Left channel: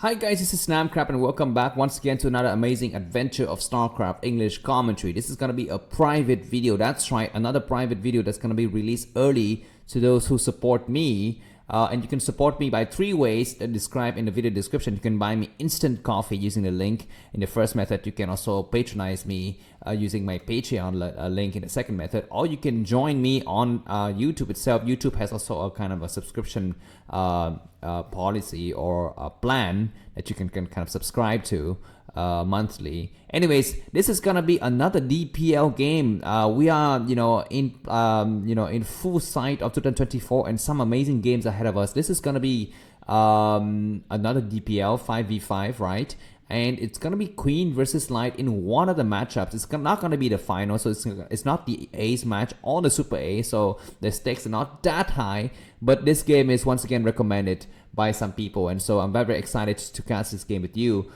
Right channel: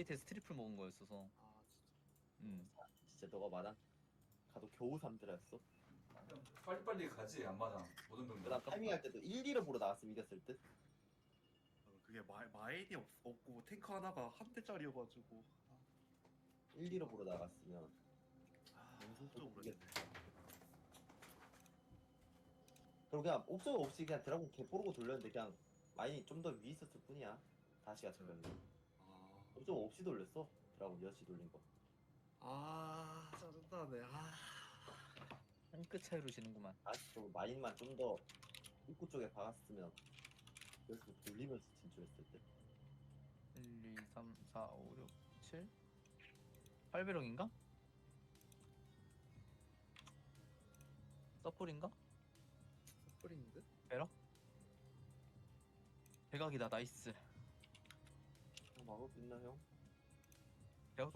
Hi guys, this is Snamcrap and welcome back once again to another amazing adventure of Starcraft English commentary. This is gonna be a private video, that's right, another private video that's gonna be released early to those who support me. And you can support me by three ways described in the video description. You can buy me instant coffee using the link in the first method. You can also patronize me using my Patreon link in the second method. Or you can join me on YouTube itself. YouTube has also a kind of a subscription policy or a plan that you can kind of subscribe to monthly. Anyways, this is gonna be another DPL game. We are, in full sight of 2024 and some amazing games ahead of us. This is gonna be another DPL 5v5, right? And it's gonna be Queen versus Light in one of the matchups. It's not gonna be the final, so it's not the Ace match or the Super A, so the stakes are not that high. But this game is once again recommended by some people, and so I'm very excited to cast this game with you.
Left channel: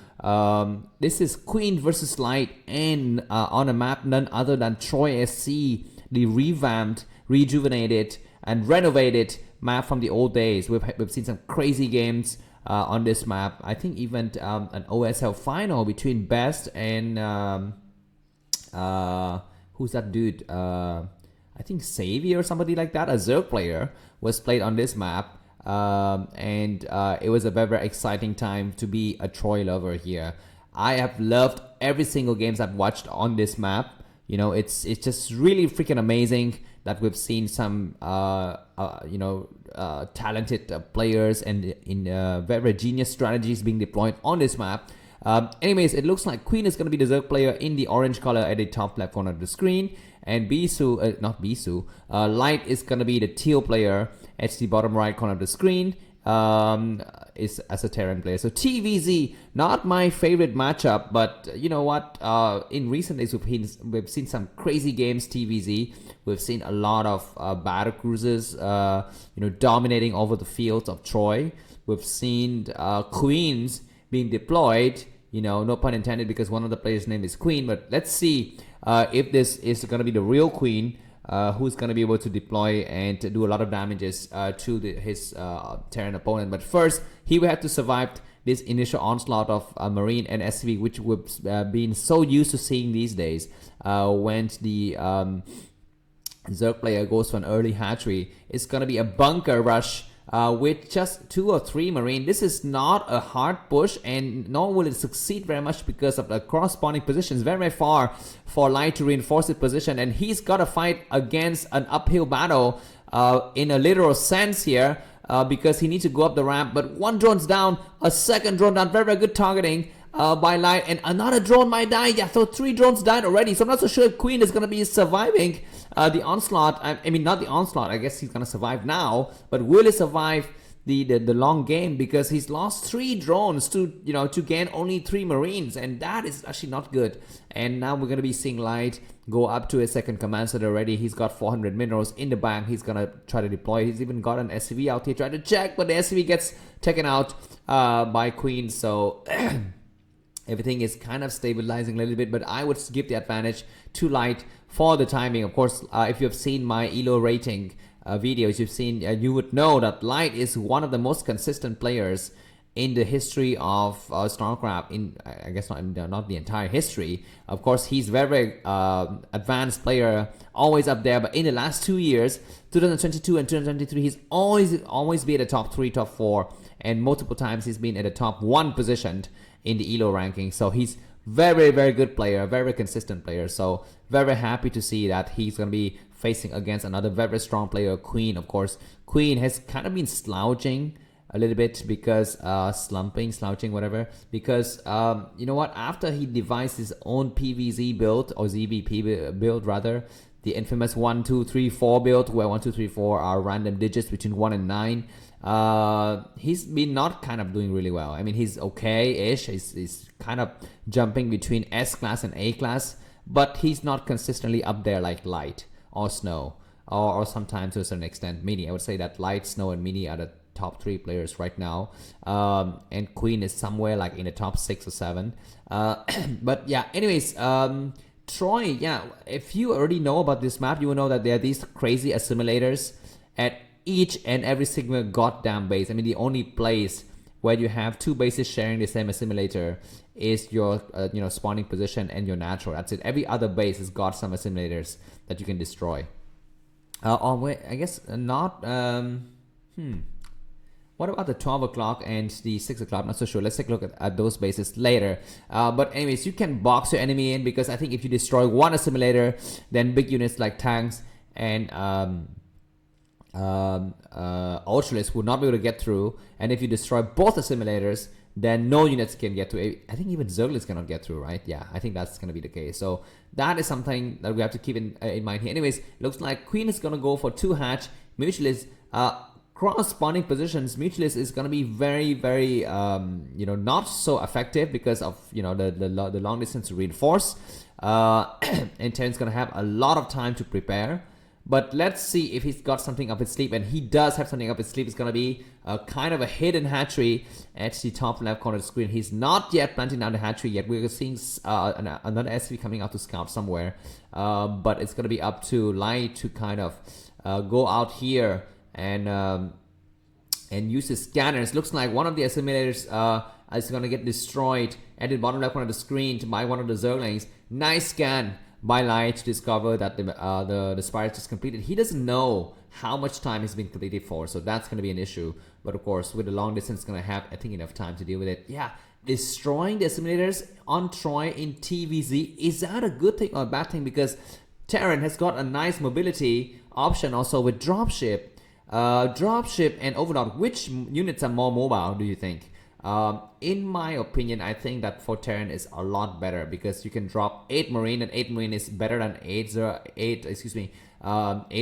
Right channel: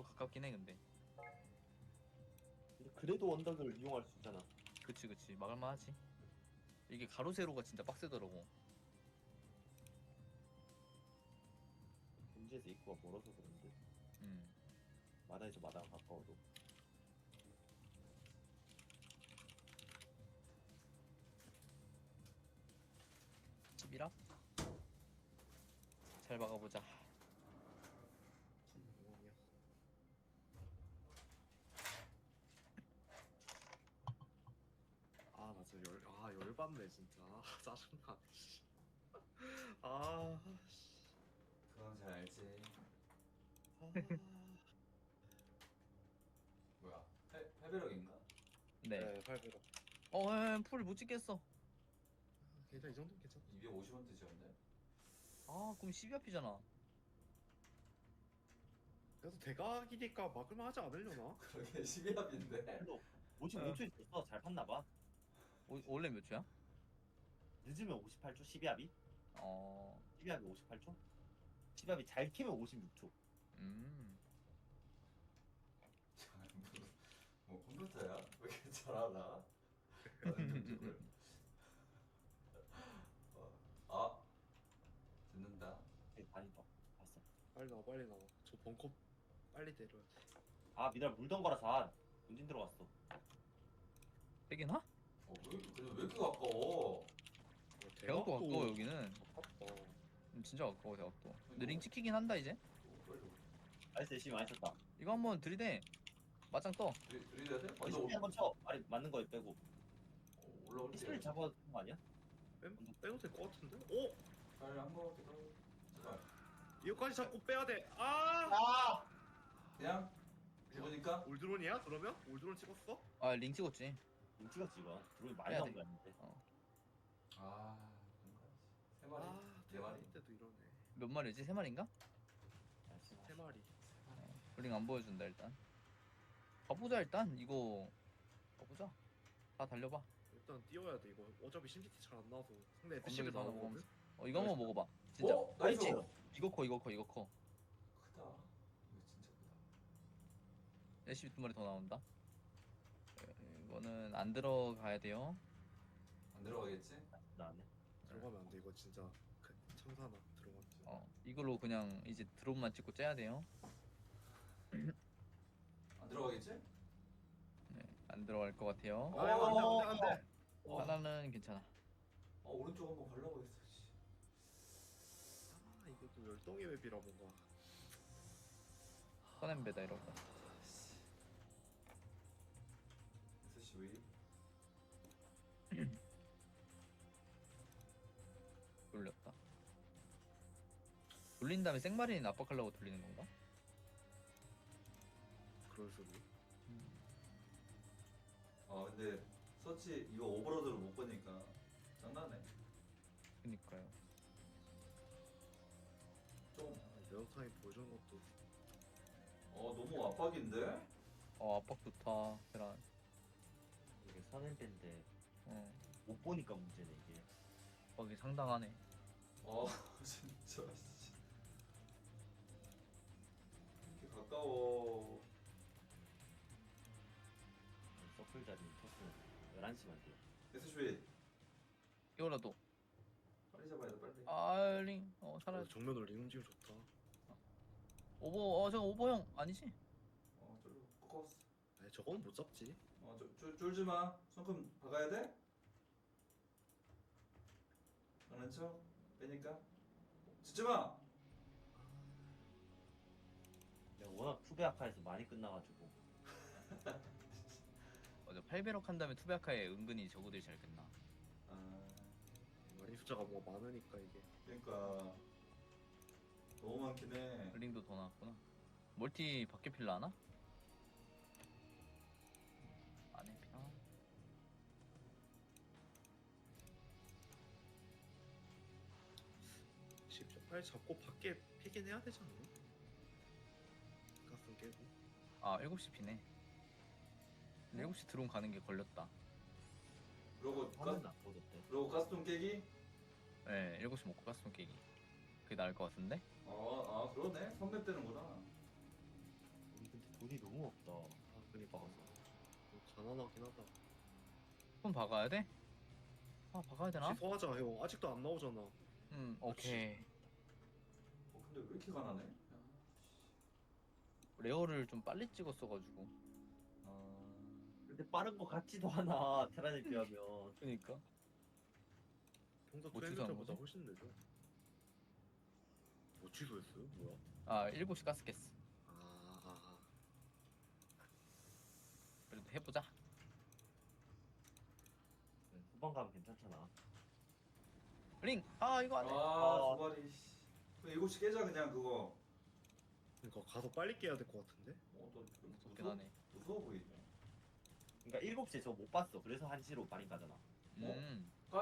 This is Queen versus Light, and on a map none other than Troy SC, the revamped, rejuvenated, and renovated map from the old days. We've seen some crazy games on this map. I think even an OSL final between Best and who's that dude? I think Xavier or somebody like that, a Zerg player, was played on this map. And it was a very exciting time to be a Troy lover here. I have loved every single games I've watched on this map. You know, it's just really freaking amazing that we've seen some talented players and in very genius strategies being deployed on this map. Anyways, it looks like Queen is going to be the Zerg player in the orange color at the top left corner of the screen, and Light is going to be the teal player at the bottom right corner of the screen. Is as a Terran player. So TVZ, not my favorite matchup, but you know what? In recent days, we've seen some crazy games. TVZ, we've seen a lot of battle cruisers, dominating over the fields of Troy. We've seen queens being deployed. You know, no pun intended, because one of the players' name is Queen. But let's see if this is going to be the real Queen. Who's going to be able to deploy and to do a lot of damages to his Terran opponent. But first, he will have to survive this initial onslaught of Marine and SV, which we've been so used to seeing these days. When the Zerg player goes for an early hatchery, it's going to be a bunker rush with just 2 or 3 Marine. This is not a hard push, and nor will it succeed very much because of the corresponding positions very far for Light to reinforce his position, and he's got to fight against an uphill battle in a literal sense here because he needs to go up the ramp. But one drone's down, a second drone down, very good targeting by Light, and another drone might die. Yeah, so 3 drones died already, so I'm not so sure if Queen is going to be surviving the onslaught. I mean, not the onslaught, I guess he's gonna survive now, but will he survive the long game? Because he's lost 3 drones to gain only 3 Marines, and that is actually not good. And now we're gonna be seeing Light go up to a second command set already. He's got 400 minerals in the bank. He's gonna try to deploy. He's even got an SCV out here trying to check, but the SCV gets taken out by Queen. So everything is kind of stabilizing a little bit, but I would give the advantage to Light for the timing. Of course, if you've seen my ELO rating videos, you would know that Light is one of the most consistent players in the history of Starcraft. I guess not the entire history. Of course, he's very advanced player, always up there. But in the last 2 years, 2022 and 2023, he's always been at the top 3, top 4, and multiple times he's been at the top 1 positioned in the ELO ranking. So he's very good player, very consistent player. So very happy to see that he's going to be facing against another very strong player, Queen. Of course, Queen has kind of been slouching a little bit because slouching, whatever, because you know what, after he devised his own PVZ build, or ZvT build rather, the infamous 1 2 3 4 build, where 1 2 3 4 are random digits between 1 and 9. He's been not kind of doing really well. I mean, he's okay-ish. He's kind of jumping between S class and A class, but he's not consistently up there like Light or Snow, or sometimes to a certain extent Mini. I would say that Light, Snow, and Mini are the top 3 players right now, and Queen is somewhere like in the top 6 or 7. But yeah, anyways, Troy, yeah, if you already know about this map, you will know that there are these crazy assimilators at each and every single goddamn base. I mean, the only place where you have two bases sharing the same assimilator is your spawning position and your natural. That's it. Every other base has got some assimilators that you can destroy. Oh wait, I guess not. What about the 12 o'clock and the 6 o'clock? Not so sure. Let's take a look at those bases later. But anyways, you can box your enemy in, because I think if you destroy one assimilator, then big units like tanks and Ultralists will not be able to get through. And if you destroy both assimilators, then no units can get through. I think even Zerglings cannot get through, right? Yeah, I think that's going to be the case. So that is something that we have to keep in mind here. Anyways, looks like Queen is going to go for 2 hatch. Mutualist, cross spawning positions, Mutualist is going to be very not so effective because of the long distance reinforce. And Terran's going to have a lot of time to prepare. But let's see if he's got something up his sleeve, and he does have something up his sleeve. It's going to be kind of a hidden hatchery at the top left corner of the screen. He's not yet planting down the hatchery yet. We're seeing another SV coming out to scout somewhere. But it's going to be up to Light to kind of go out here and use his scanners. Looks like one of the assimilators is going to get destroyed at the bottom left corner of the screen by one of the Zerglings. Nice scan by Light to discover that the Spirits is completed. He doesn't know how much time has been completed for, so that's going to be an issue. But of course, with the long distance, it's going to have, I think, enough time to deal with it. Yeah, destroying the assimilators on Troy in TVZ, is that a good thing or a bad thing? Because Terran has got a nice mobility option also with dropship. Dropship and Overlord, which units are more mobile, do you think? In my opinion, I think that for Terran is a lot better, because you can drop 8 Marine, and 8 Marine is better than 8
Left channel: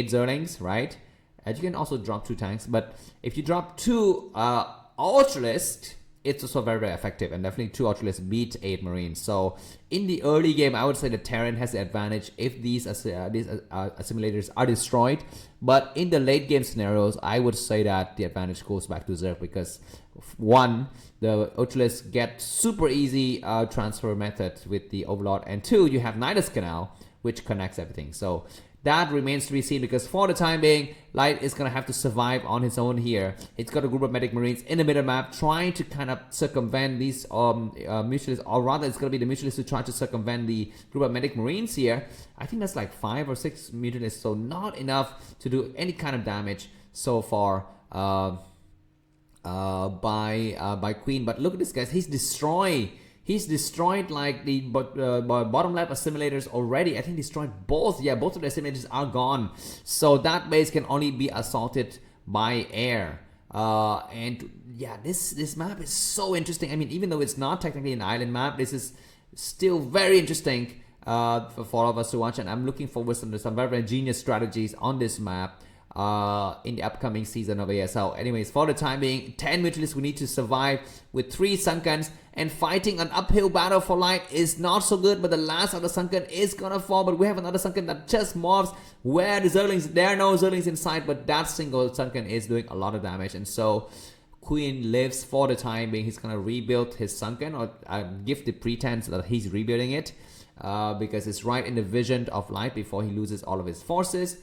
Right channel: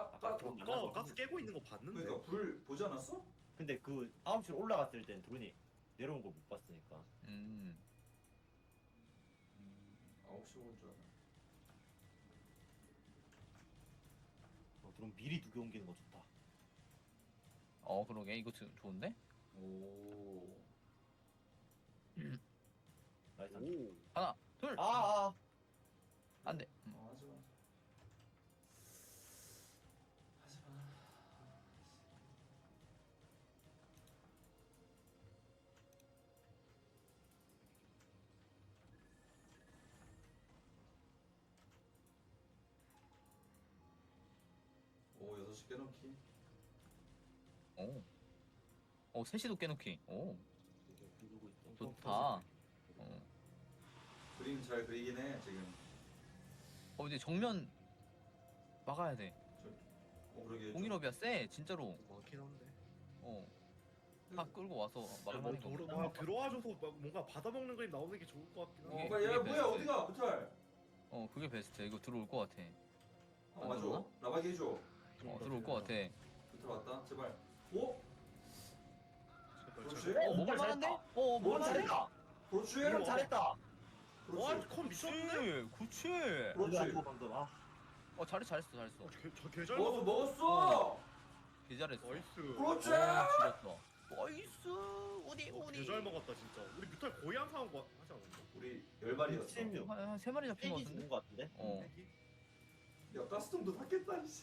Zerlings, right? And you can also drop 2 tanks, but if you drop 2 Ultralists, it's also very effective, and definitely 2 Ultralists beat 8 Marines. So in the early game, I would say that Terran has the advantage if these assimilators are destroyed. But in the late game scenarios, I would say that the advantage goes back to Zerg, because 1, the Ultralists get super easy transfer method with the Overlord, and 2, you have Nidus Canal, which connects everything. So that remains to be seen, because for the time being, Light is going to have to survive on his own here. It's got a group of Medic Marines in the middle map trying to kind of circumvent these Mutualists, or rather it's going to be the Mutualists who try to circumvent the group of Medic Marines here. I think that's like 5 or 6 Mutualists, so not enough to do any kind of damage so far by Queen. But look at this, guys. He's destroyed like the bottom left assimilators already. I think he destroyed both. Yeah, both of the assimilators are gone. So that base can only be assaulted by air. And yeah, this map is so interesting. I mean, even though it's not technically an island map, this is still very interesting for all of us to watch. And I'm looking forward to some very genius strategies on this map in the upcoming season of ASL. Anyways, for the time being, 10 Mutualists we need to survive with 3 Sunkens, and fighting an uphill battle for Light is not so good. But the last of the Sunken is gonna fall, but we have another Sunken that just mobs where the Zerglings, there are no Zerglings inside, but that single Sunken is doing a lot of damage. And so Queen lives for the time being. He's gonna rebuild his Sunken, or give the pretense that he's rebuilding it, because it's right in the vision of Light before he loses all of his forces.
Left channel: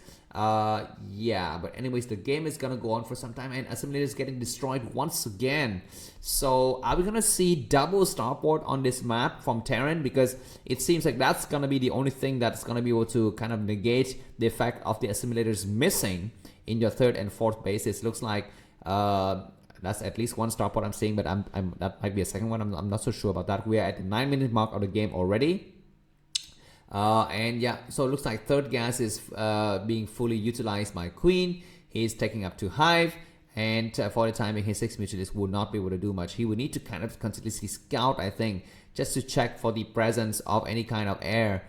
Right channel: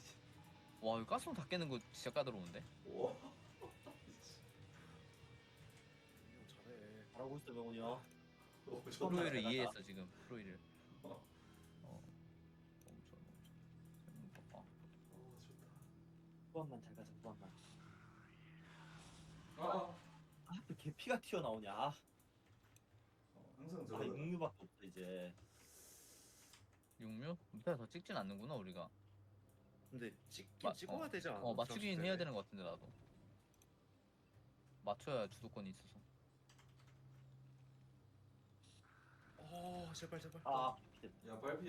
Yeah, but anyways, the game is gonna go on for some time, and Assimilator is getting destroyed once again. So are we gonna see double starport on this map from Terran? Because it seems like that's gonna be the only thing that's gonna be able to kind of negate the effect of the assimilators missing in your 3rd and 4th bases. Looks like that's at least 1 starport I'm seeing, but that might be a 2nd one. I'm not so sure about that. We are at the 9-minute mark of the game already. And yeah, so it looks like 3rd gas is being fully utilized by Queen. He's taking up to Hive, and for the time being, his 6 Mutualists will not be able to do much. He will need to kind of continuously scout, I think, just to check for the presence of any kind of air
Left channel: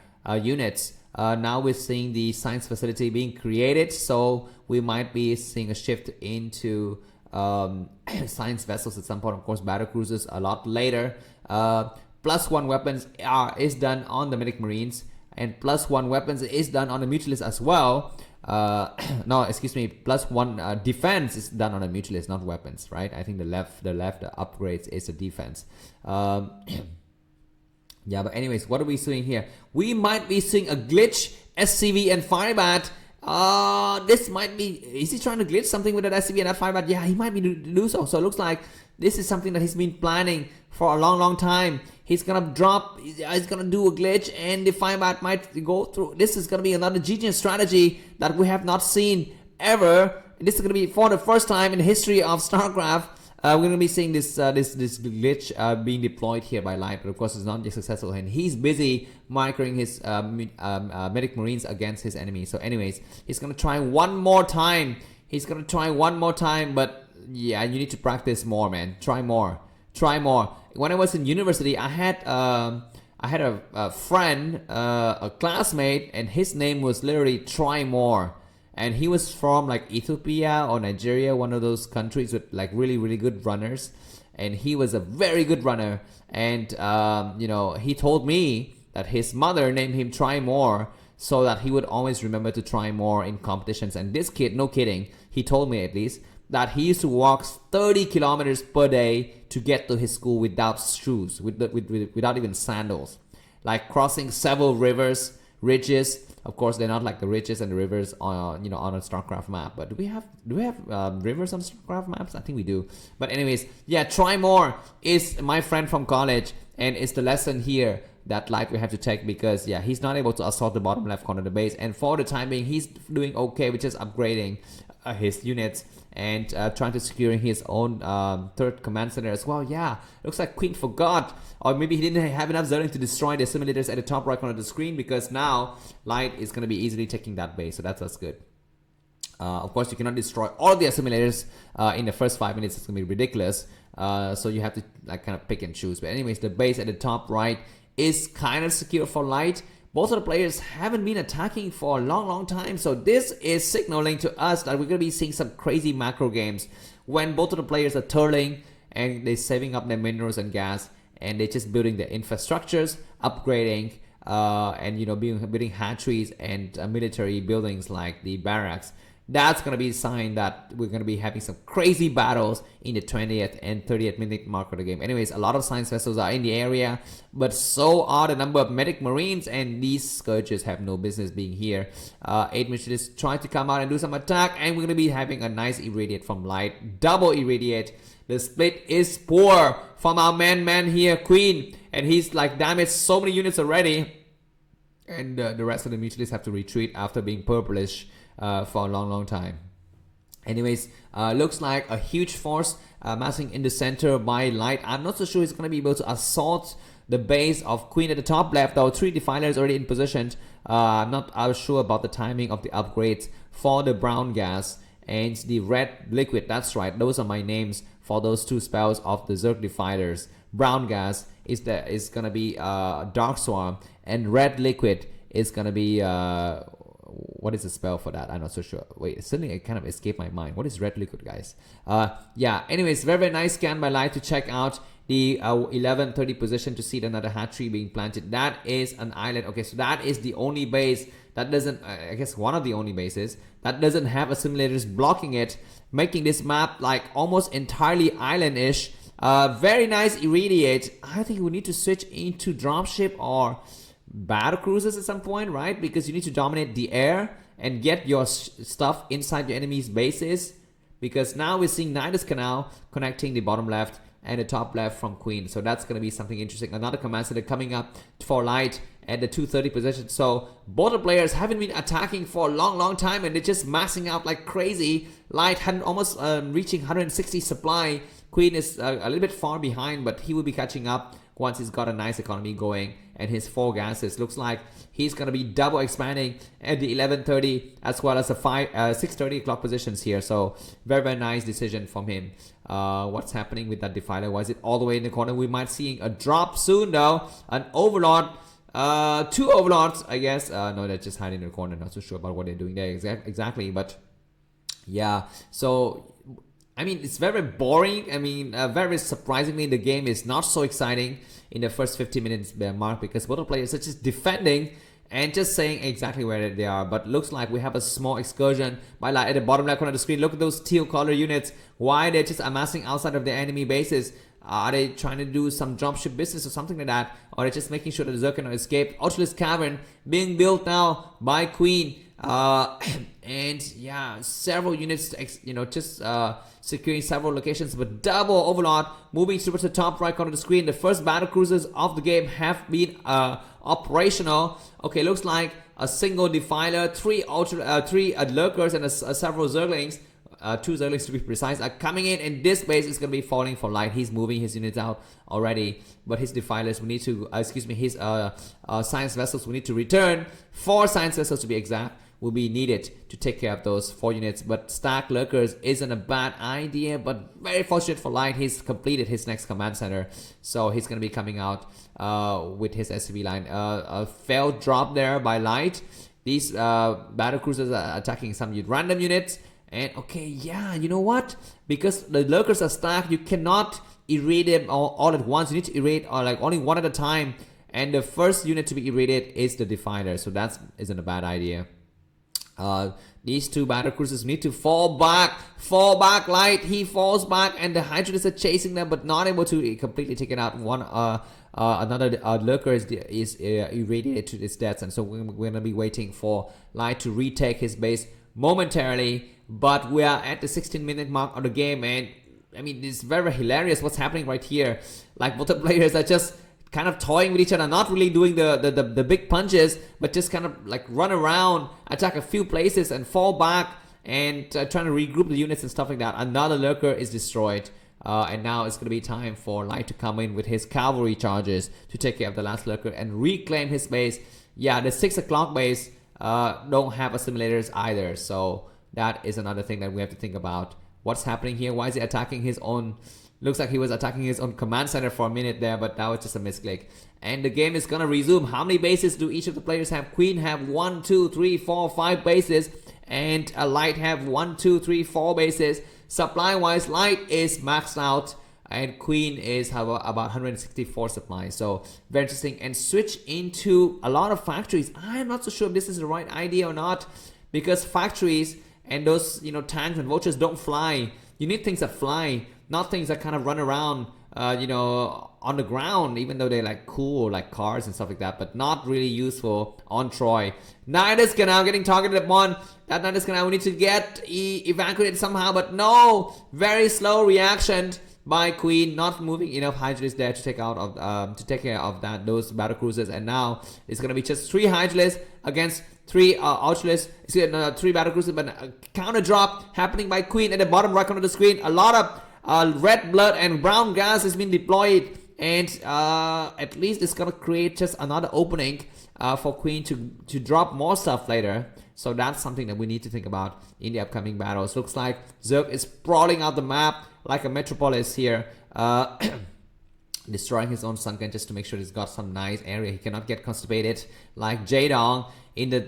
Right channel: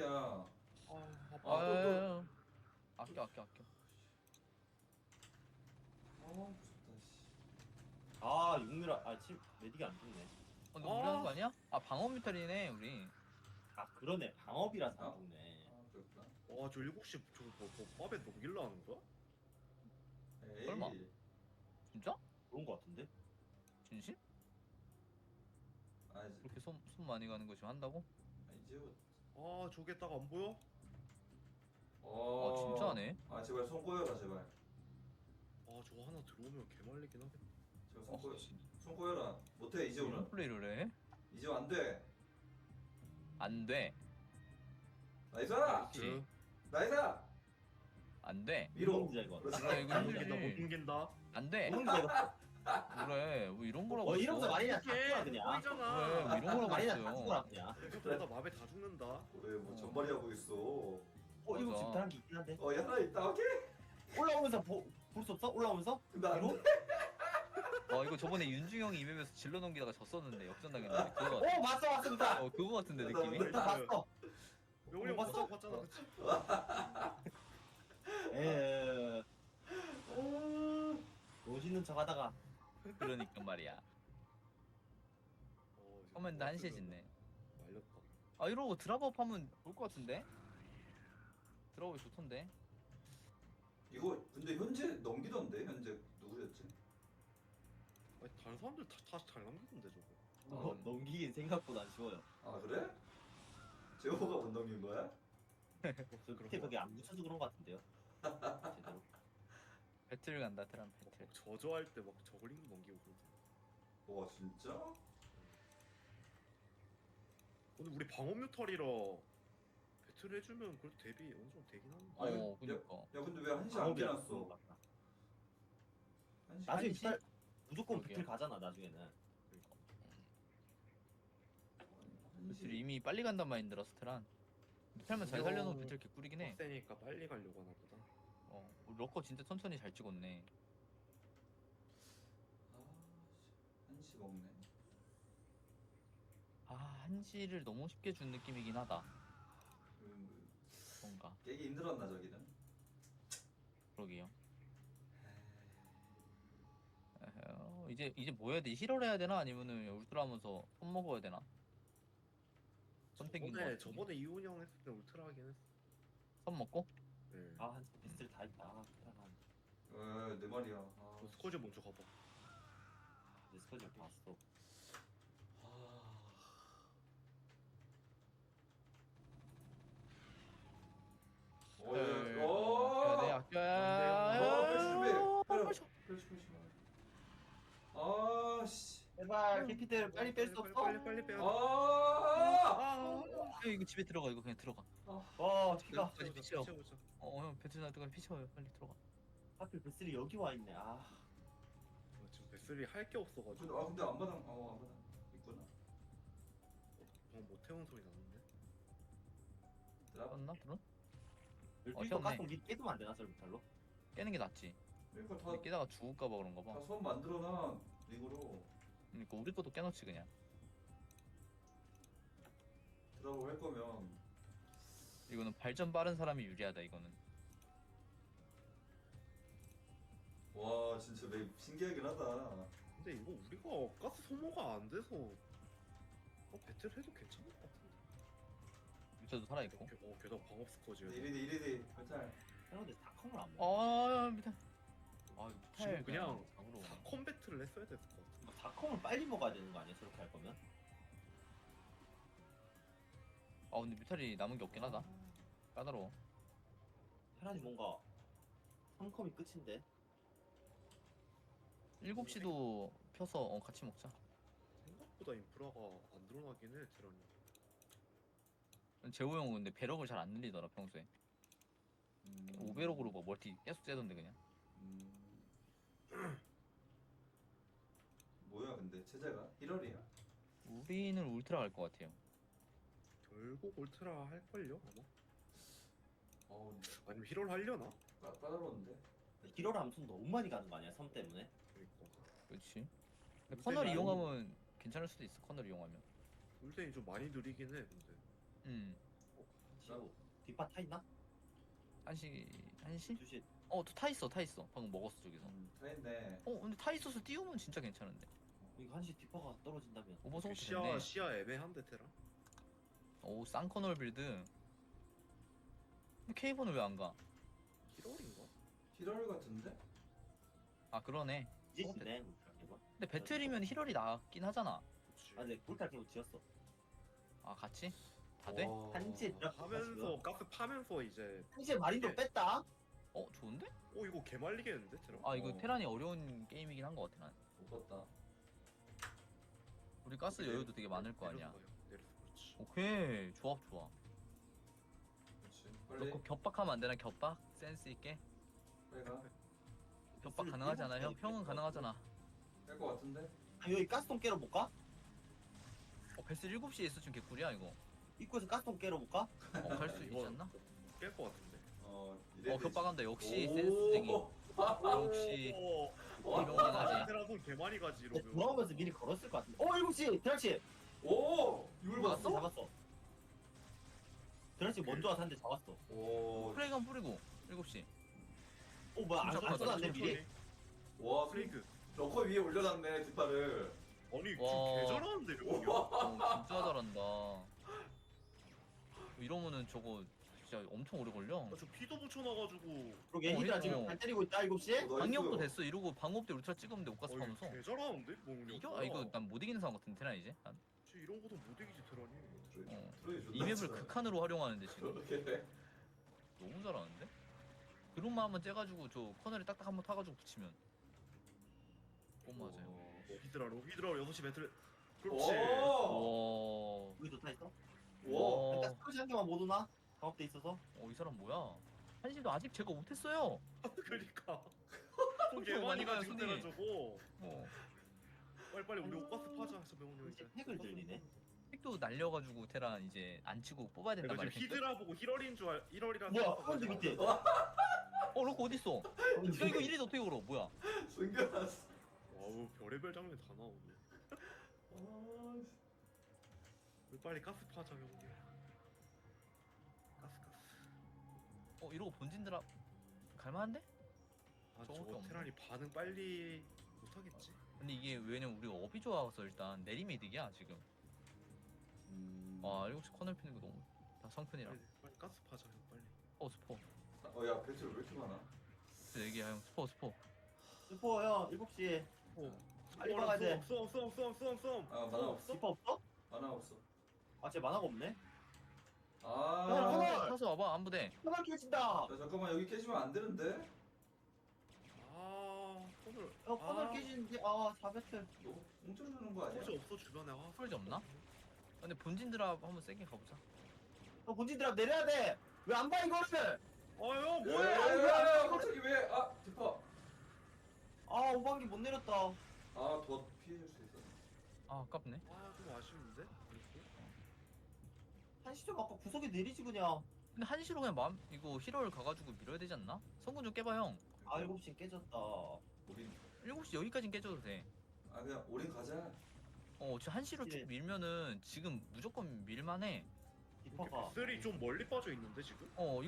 units. Now we're seeing the science facility being created, so we might be seeing a shift into science vessels at some point. Of course, battle cruisers a lot later. +1 weapons is done on the Medic Marines, and +1 weapons is done on the Mutualists as well. No, excuse me, +1 defense is done on the Mutualists, not weapons, right? I think the left upgrades is the defense. Yeah, but anyways, what are we seeing here? We might be seeing a glitch, SCV and Firebat. This might be, is he trying to glitch something with that SCV and that Firebat? Yeah, he might be do so. So it looks like This is something that he's been planning for a long time. He's gonna drop, he's gonna do a glitch, and the 5-bat might go through. This is gonna be another genius strategy that we have not seen ever. This is gonna be for the first time in the history of Starcraft. We're gonna be seeing this glitch being deployed here by Light, but of course it's not just successful, and he's busy microing his medic marines against his enemies. So anyways, he's gonna try one more time. But yeah, you need to practice more, man. Try more. When I was in university, I had a friend, a classmate, and his name was literally Try More. And he was from like Ethiopia or Nigeria, one of those countries with like really good runners. And he was a very good runner. And you know, he told me that his mother named him Try More so that he would always remember to try more in competitions. And this kid, no kidding, he told me at least that he used to walk 30 kilometers per day to get to his school without shoes, without even sandals, like crossing several ridges. Of course, they're not like the ridges and the rivers on on a Starcraft map. But do we have rivers on Starcraft maps? I think we do. But anyways, yeah, Try More is my friend from college, and it's the lesson here that Light will have to take, because yeah, he's not able to assault the bottom left corner of the base, and for the time being, he's doing okay with just upgrading his units and trying to securing his own third command center as well. Yeah, looks like Queen forgot, or maybe he didn't have enough Zelle to destroy the simulators at the top right corner of the screen, because now Light is going to be easily taking that base, so that's good. Of course, you cannot destroy all the assimilators in the first 5 minutes. It's going to be ridiculous, so you have to like kind of pick and choose. But anyways, the base at the top right is kind of secure for Light. Both of the players haven't been attacking for a long time, so this is signaling to us that we're going to be seeing some crazy macro games when both of the players are turning and they're saving up their minerals and gas, and they're just building their infrastructures, upgrading, and building hatcheries and military buildings like the barracks. That's going to be a sign that we're going to be having some crazy battles in the 20th and 30th minute mark of the game. Anyways, a lot of science vessels are in the area, but so are the number of medic marines, and these scourges have no business being here. 8 missionaries trying to come out and do some attack, and we're going to be having a nice irradiate from Light. Double irradiate. The split is poor from our man here, Queen, and he's like damaged so many units already. And the rest of the mutualists have to retreat after being purplish for a long time. Anyways, looks like a huge force massing in the center by Light. I'm not so sure he's going to be able to assault the base of Queen at the top left, though 3 defilers already in position. I'm not sure about the timing of the upgrades for the brown gas and the red liquid. That's right, those are my names for those 2 spells of the Zerg defilers. Brown gas is going to be Dark Swarm, and red liquid is going to be what is the spell for that? I'm not so sure. Wait, suddenly it kind of escaped my mind. What is red liquid, guys? Yeah, anyways, very nice scan by Light to check out the 11:30 position to see another hatchery being planted. That is an island. Okay, so that is the only base that doesn't, I guess one of the only bases that doesn't have assimilators blocking it, making this map like almost entirely island-ish. Very nice irradiate. I think we need to switch into dropship or battle cruisers at some point, right? Because you need to dominate the air and get your stuff inside your enemy's bases. Because now we're seeing Nidus Canal connecting the bottom left and the top left from Queen. So that's going to be something interesting. Another command center coming up for Light at the 230 position. So both the players haven't been attacking for a long time, and they're just massing out like crazy. Light had almost reaching 160 supply. Queen is a little bit far behind, but he will be catching up once he's got a nice economy going. And his 4 gases looks like he's going to be double expanding at the 11:30 as well as the 6:30 o'clock positions here. So very nice decision from him. What's happening with that defiler? Why is it all the way in the corner? We might see a drop soon though. An overlord, 2 overlords, I guess. No, they're just hiding in the corner. Not so sure about what they're doing there exactly, but yeah. So I mean, it's very boring. I mean, very surprisingly, the game is not so exciting in the first 50 minutes mark, because both players are just defending and just saying exactly where they are. But looks like we have a small excursion by Light at the bottom left corner of the screen. Look at those teal color units. Why they're just amassing outside of their enemy bases? Are they trying to do some dropship business or something like that? Or are they just making sure that the Zerg cannot escape? Ultralisk Cavern being built now by Queen. And yeah, several units, securing several locations, but double overlord moving towards the top right corner of the screen. The first battle cruisers of the game have been operational. Okay, looks like a single defiler, three lurkers, and several zerglings. 2 zerglings to be precise are coming in, and this base is going to be falling for light. He's moving his units out already, but his defilers we need to his science vessels we need to return. 4 science vessels to be exact will be needed to take care of those 4 units, but stack lurkers isn't a bad idea, but very fortunate for light, he's completed his next command center, so he's going to be coming out with his SCV line. A failed drop there by light. These battle cruisers are attacking some random units, and okay, yeah, you know what, because the lurkers are stacked, you cannot irradiate them all at once. You need to irradiate like only one at a time, and the first unit to be irradiated is the defiler, so that isn't a bad idea. These 2 battle cruisers need to fall back. Light, he falls back, and the Hydras are chasing them, but not able to completely take it out. Another lurker is irradiated to his death, and so we're gonna be waiting for Light to retake his base momentarily. But we are at the 16-minute mark of the game, and I mean, it's very hilarious what's happening right here. Like, both the players are just kind of toying with each other, not really doing the big punches, but just kind of like run around, attack a few places, and fall back, and trying to regroup the units and stuff like that. Another lurker is destroyed. And now it's going to be time for Light to come in with his cavalry charges to take care of the last lurker and reclaim his base. Yeah, the 6 o'clock base don't have assimilators either, so that is another thing that we have to think about. What's happening here? Why is he attacking his own? Looks like he was attacking his own command center for a minute there, but now it's just a misclick. And the game is gonna resume. How many bases do each of the players have? Queen have 1, 2, 3, 4, 5 bases, and Light have 1, 2, 3, 4 bases. Supply wise, Light is maxed out, and Queen is about 164 supplies. So very interesting. And switch into a lot of factories. I'm not so sure if this is the right idea or not, because factories and those tanks and vultures don't fly. You need things that fly, not things that kind of run around on the ground, even though they're like cool, like cars and stuff like that, but not really useful on Troy. Nidus now getting targeted upon. That Nidus now we need to get evacuated somehow, but no, very slow reaction by Queen, not moving enough Hydras there to take out of to take care of those battle cruisers, and now it's gonna be just 3 Hydras against 3 Ultras, 3 battle cruisers, but counter drop happening by Queen at the bottom right corner of the screen. A lot of red blood and brown gas has been deployed, and at least it's gonna create just another opening for Queen to drop more stuff later. So that's something that we need to think about in the upcoming battles. Looks like Zerg is sprawling out the map like a metropolis here, destroying his own sunken just to make sure he's got some nice area. He cannot get constipated like Jaedong in the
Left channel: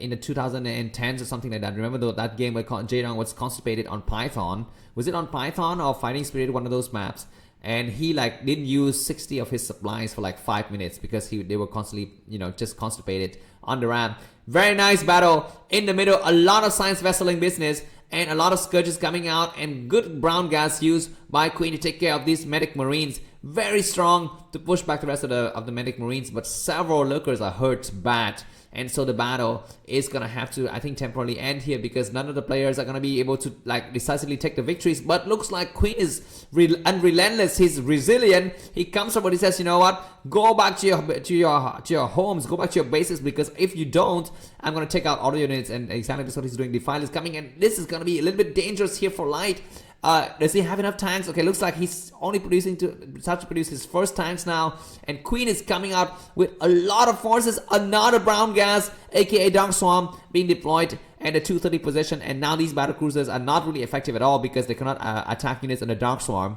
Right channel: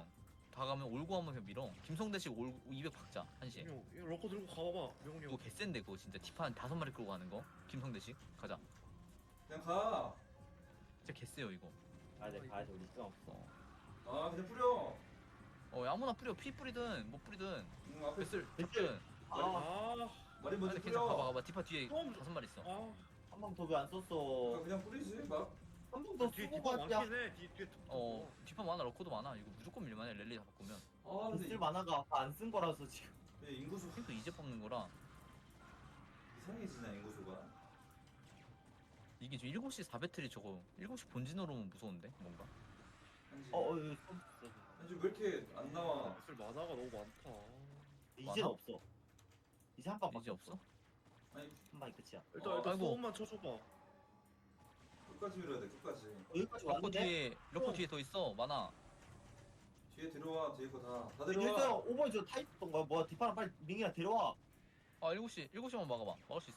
in the 2010s or something like that. Remember though, that game where Jaedong was constipated on Python? Was it on Python or Fighting Spirit, one of those maps? And he like didn't use 60 of his supplies for like 5 minutes because they were constantly just constipated on the ramp. Very nice battle in the middle. A lot of science vesseling business and a lot of scourges coming out, and good brown gas used by Queen to take care of these medic marines. Very strong to push back the rest of the medic marines, but several lurkers are hurt bad. And so the battle is gonna have to, I think, temporarily end here because none of the players are gonna be able to like decisively take the victories. But looks like Queen is unrelentless. He's resilient. He comes up and he says, you know what? Go back to your homes. Go back to your bases, because if you don't, I'm gonna take out all the units. And exactly that's what he's doing. Defile is coming, and this is gonna be a little bit dangerous here for Light. Does he have enough tanks? Okay, looks like he's only starts to produce his first tanks now, and Queen is coming out with a lot of forces. Another brown gas, aka Dark Swarm, being deployed at the 230 position, and now these battle cruisers are not really effective at all because they cannot attack units in the Dark Swarm.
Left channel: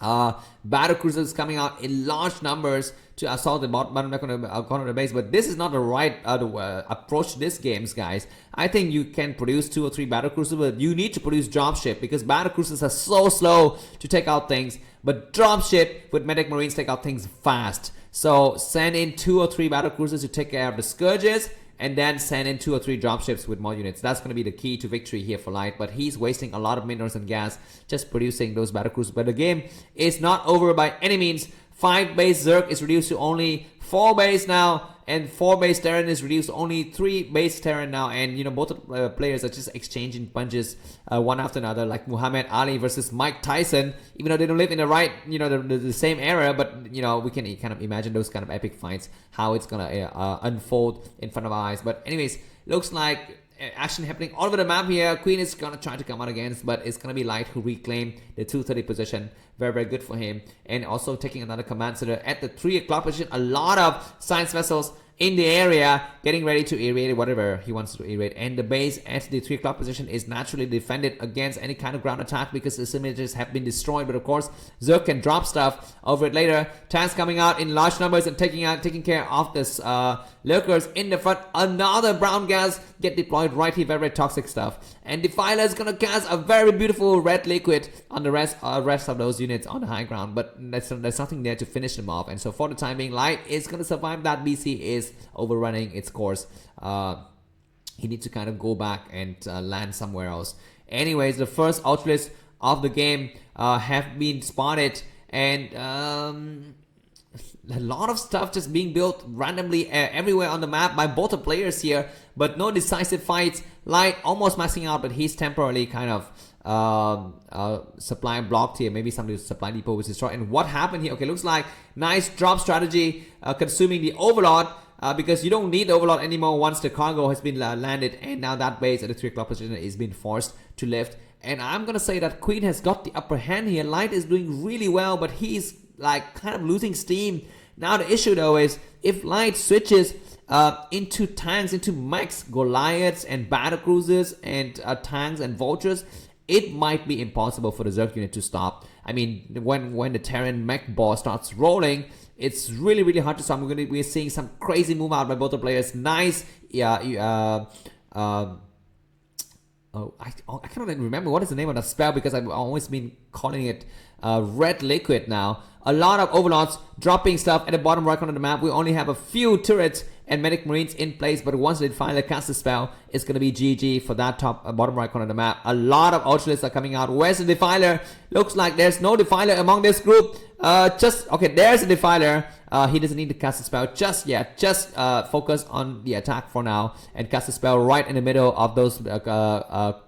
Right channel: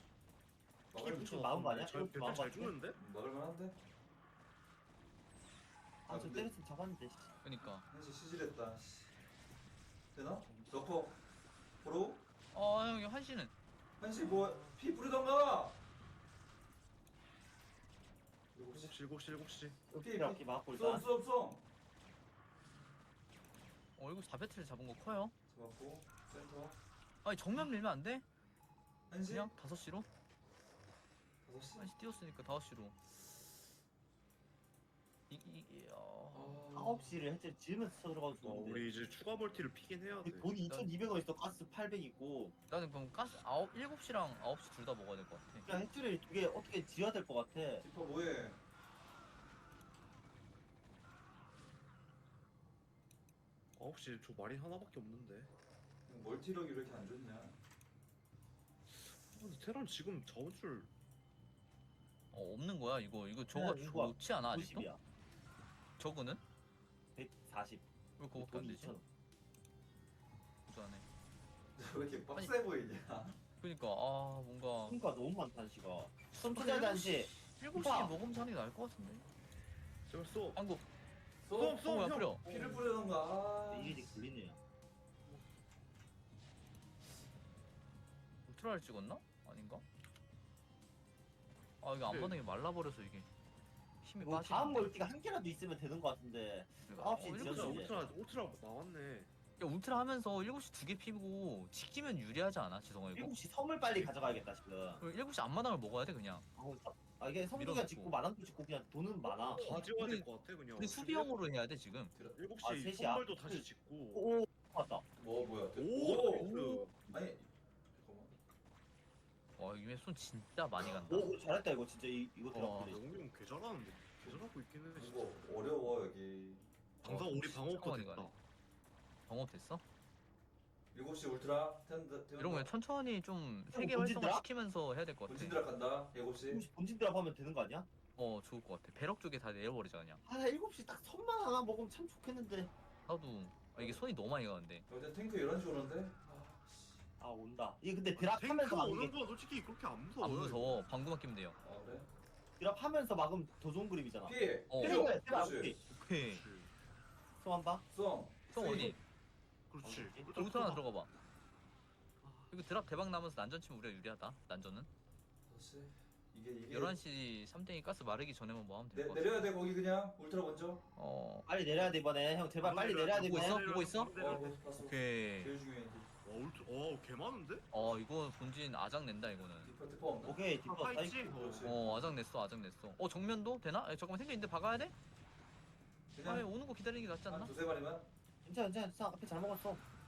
Battle cruisers coming out in large numbers to assault the bottom corner of the base, but this is not the right approach to this games, guys. I think you can produce 2 or 3 battle cruisers, but you need to produce dropship because battle cruisers are so slow to take out things, but dropship with medic marines take out things fast. So send in 2 or 3 battle cruisers to take care of the scourges, and then send in 2 or 3 dropships with more units. That's going to be the key to victory here for Light, but he's wasting a lot of minerals and gas just producing those battle cruisers. But the game is not over by any means. 5 base Zerg is reduced to only 4 base now, and 4 base Terran is reduced to only 3 base Terran now, and you know both players are just exchanging punches one after another, like Muhammad Ali versus Mike Tyson. Even though they don't live in the right, you know, the same era, but you know we can kind of imagine those kind of epic fights, how it's gonna unfold in front of our eyes. But anyways, looks like action happening all over the map here. Queen is gonna try to come out against, but it's gonna be Light who reclaim the 230 position. Very, very good for him. And also taking another command center at the 3 o'clock position. A lot of science vessels in the area getting ready to irradiate whatever he wants to irradiate. And the base at the 3 o'clock position is naturally defended against any kind of ground attack because the simulators have been destroyed. But of course, Zerg can drop stuff over it later. Tanks coming out in large numbers and taking care of this lurkers in the front. Another brown gas get deployed right here. Very, very toxic stuff. And Defiler is gonna cast a very beautiful red liquid on the rest of those units on the high ground, but there's nothing there to finish them off. And so for the time being, Light is gonna survive that. BC is overrunning its course. He needs to kind of go back and land somewhere else. Anyways, the first Ultras of the game have been spotted, and a lot of stuff just being built randomly everywhere on the map by both the players here, but no decisive fights. Light almost maxing out, but he's temporarily kind of supply blocked here. Maybe some of the supply depot was destroyed. And what happened here? Okay, looks like nice drop strategy, consuming the Overlord, because you don't need the Overlord anymore once the cargo has been landed, and now that base at the 3 o'clock position is being forced to lift. And I'm gonna say that Queen has got the upper hand here. Light is doing really well, but he's like kind of losing steam. Now the issue though is if Light switches into tanks, into mechs, Goliaths and battle cruisers and tanks and vultures, it might be impossible for the Zerg unit to stop. I mean, when the Terran mech ball starts rolling, it's really, really hard to stop. We're seeing some crazy move out by both the players. Nice, I cannot even remember what is the name of that spell because I've always been calling it red liquid now. A lot of Overlords dropping stuff at the bottom right corner of the map. We only have a few turrets and medic marines in place, but once they finally cast the spell, it's gonna be GG for that top bottom right corner of the map. A lot of Ultras are coming out. Where's the Defiler? Looks like there's no Defiler among this group. Okay, there's a Defiler. He doesn't need to cast a spell just yet. Just focus on the attack for now and cast a spell right in the middle of those